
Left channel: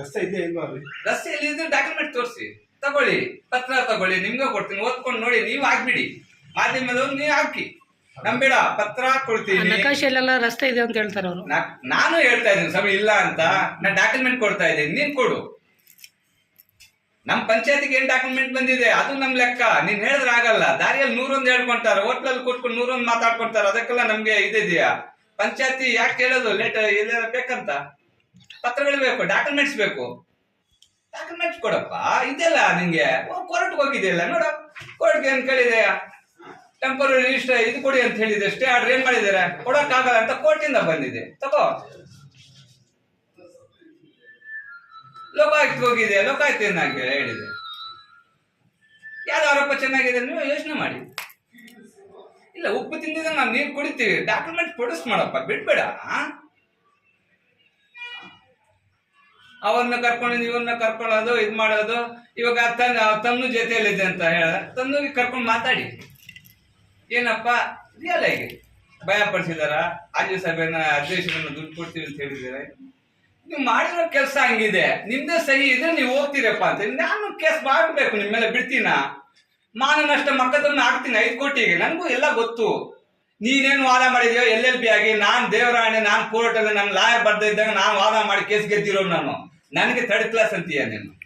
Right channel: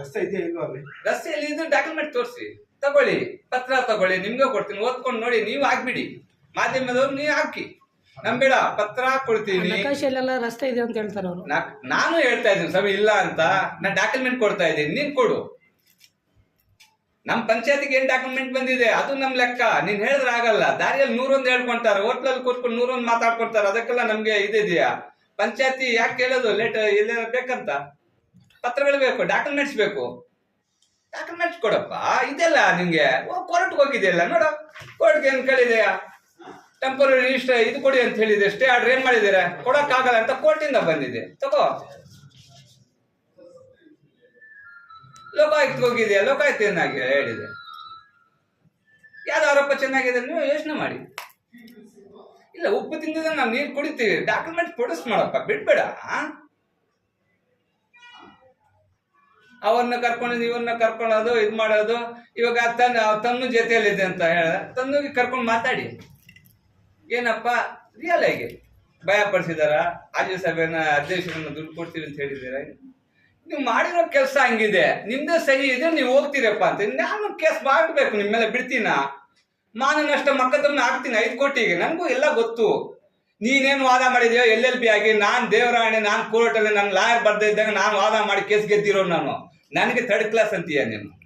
ರಸ್ತೆ ಇದೆಯಾ ಇಲ್ವಾ ಅಲ್ಲಿ? ರಸ್ತೆಯಲ್ಲಿ ಇದ್ರೆ ಡಾಕ್ಯುಮೆಂಟ್ ತೋರಿಸಿ. ತಗೊಳ್ಳಿ ಪತ್ರ ತಗೊಳ್ಳಿ ನಿಮ್ಗೆ ಕೊಡ್ತೀನಿ ಓದ್ಕೊಂಡು ನೋಡಿ ನೀವು ಹಾಕ್ಬಿಡಿ ಮಾಧ್ಯಮದವ್ರು ನೀವು ಹಾಕಿ. ನಂಬೇಡ ಪತ್ರ ಕೊಡ್ತೀನಿ. ನಕಾಶೆಯಲ್ಲೆಲ್ಲ ರಸ್ತೆ ಇದೆ ಅಂತ ಹೇಳ್ತಾರೆ ಅವರು. ನಾ- ನಾನು ಹೇಳ್ತಾ ಇದ್ದೀನಿ ಸಭೆ ಇಲ್ಲ ಅಂತ. ನಾನು ಡಾಕ್ಯುಮೆಂಟ್ ಕೊಡ್ತಾ ಇದ್ದೀನಿ ನೀನ್ ಕೊಡು. ನಮ್ ಪಂಚಾಯತಿಗೆ ಏನ್ ಡಾಕ್ಯುಮೆಂಟ್ ಬಂದಿದೆ? ಅದು ನಮ್ ಲೆಕ್ಕ. ನೀನ್ ಹೇಳಿದ್ರೆ ಆಗಲ್ಲ. ದಾರಿಯಲ್ಲಿ ನೂರೊಂದು ಹೇಳ್ಕೊಂತಾರೆ. ಹೋಟ್ಲಲ್ಲಿ ಕೂತ್ಕೊಂಡು ನೂರೊಂದು ಮಾತಾಡ್ಕೊಡ್ತಾರೆ. ಅದಕ್ಕೆಲ್ಲ ನಮ್ಗೆ ಇದಿದೆಯಾ? ಪಂಚಾಯತಿ ಯಾಕೆ ಕೇಳೋದು? ಲೇಟ್ ಇಲ್ಲ ಬೇಕಂತ? ಪತ್ರಗಳು ಬೇಕು ಡಾಕ್ಯುಮೆಂಟ್ಸ್ ಬೇಕು. ಡಾಕ್ಯುಮೆಂಟ್ಸ್ ಕೊಡಪ್ಪ, ಇದೆಲ್ಲ ನಿಂಗೆ. ಕೋರ್ಟ್ಗೆ ಹೋಗಿದೆಯಲ್ಲ, ನೋಡು. ಕೋರ್ಟ್ಗೆ ಏನ್ ಕೇಳಿದೆಯಾ ಟೆಂಪರರಿ ರಿಜಿಸ್ಟರ್ ಇದು ಕೊಡಿ ಅಂತ ಹೇಳಿದೆ. ಸ್ಟೇ ಆರ್ಡರ್ ಏನ್ ಮಾಡಿದ್ದೀರಾ? ಕೊಡಕ್ಕಾಗಲ್ಲ ಅಂತ ಕೋರ್ಟಿಂದ ಬಂದಿದೆ ತಗೋ. ಲೋಕಾಯುಕ್ತ ಹೋಗಿದೆಯಾ? ಲೋಕಾಯುಕ್ತ ಏನಾಗಿ ಹೇಳಿದೆ? ಯಾವ್ದು ಆರೋಪ ಚೆನ್ನಾಗಿದೆ? ನೀವು ಯೋಚನೆ ಮಾಡಿ. ಇಲ್ಲ, ಉಪ್ಪು ತಿಂದಿದ್ದ ನಾವು ನೀರು ಕುಡಿತೀವಿ. ಡಾಕ್ಯುಮೆಂಟ್ ಪ್ರೊಡ್ಯೂಸ್ ಮಾಡಪ್ಪ, ಬಿಡ್ಬೇಡ. ಅವ್ರನ್ನ ಕರ್ಕೊಂಡು ಇವ್ರನ್ನ ಕರ್ಕೊಳ್ಳೋದು, ಇದು ಮಾಡೋದು. ಇವಾಗ ತನ್ನ ತನ್ನು ಜೊತೆಯಲ್ಲಿದೆ ಅಂತ ಹೇಳ, ತನ್ನಿಗೆ ಕರ್ಕೊಂಡು ಮಾತಾಡಿ. ಏನಪ್ಪ? ರಿಯಲ್ ಆಗಿ. ಭಯ ಪಡಿಸಿದಾರ? ಆಜು ಸಭೆನ ಅಧ್ಯಕ್ಷರನ್ನ ದುಡ್ಡು ಕೊಡ್ತೀವಿ ಅಂತ ಹೇಳಿದ್ದೀರ ನೀವು ಮಾಡಿರೋ ಕೆಲಸ ಹಂಗಿದೆ. ನಿಮ್ದೇ ಸಹಿ ಇದೆ ನೀವು ಹೋಗ್ತೀರಪ್ಪ ಅಂತ. ನಾನು ಕೇಸ್ ಮಾಡಬೇಕು ನಿಮ್ಮ ಮೇಲೆ ಬಿಡ್ತೀನ? ಮಾನ ನಷ್ಟ ಮಕ್ಕದನ್ನ ಹಾಕ್ತೀನಿ ಐದು ಕೋಟಿಗೆ. ನನಗೂ ಎಲ್ಲ ಗೊತ್ತು. ನೀನೇನು ವಾದ ಮಾಡಿದ್ಯೋ ಎಲ್ ಎಲ್ ಪಿ ಆಗಿ, ನಾನು ದೇವರಾಣೆ, ನಾನು ಕೋರ್ಟಲ್ಲಿ ನನ್ನ ಲಾಯರ್ ಬರ್ದೇ ಇದ್ದಾಗ ನಾನು ವಾದ ಮಾಡಿ ಕೇಸ್ ಗೆದ್ದಿರೋ ನಾನು. ನನಗೆ ಥರ್ಡ್ ಕ್ಲಾಸ್ ಅಂತೀಯ ನೀನು.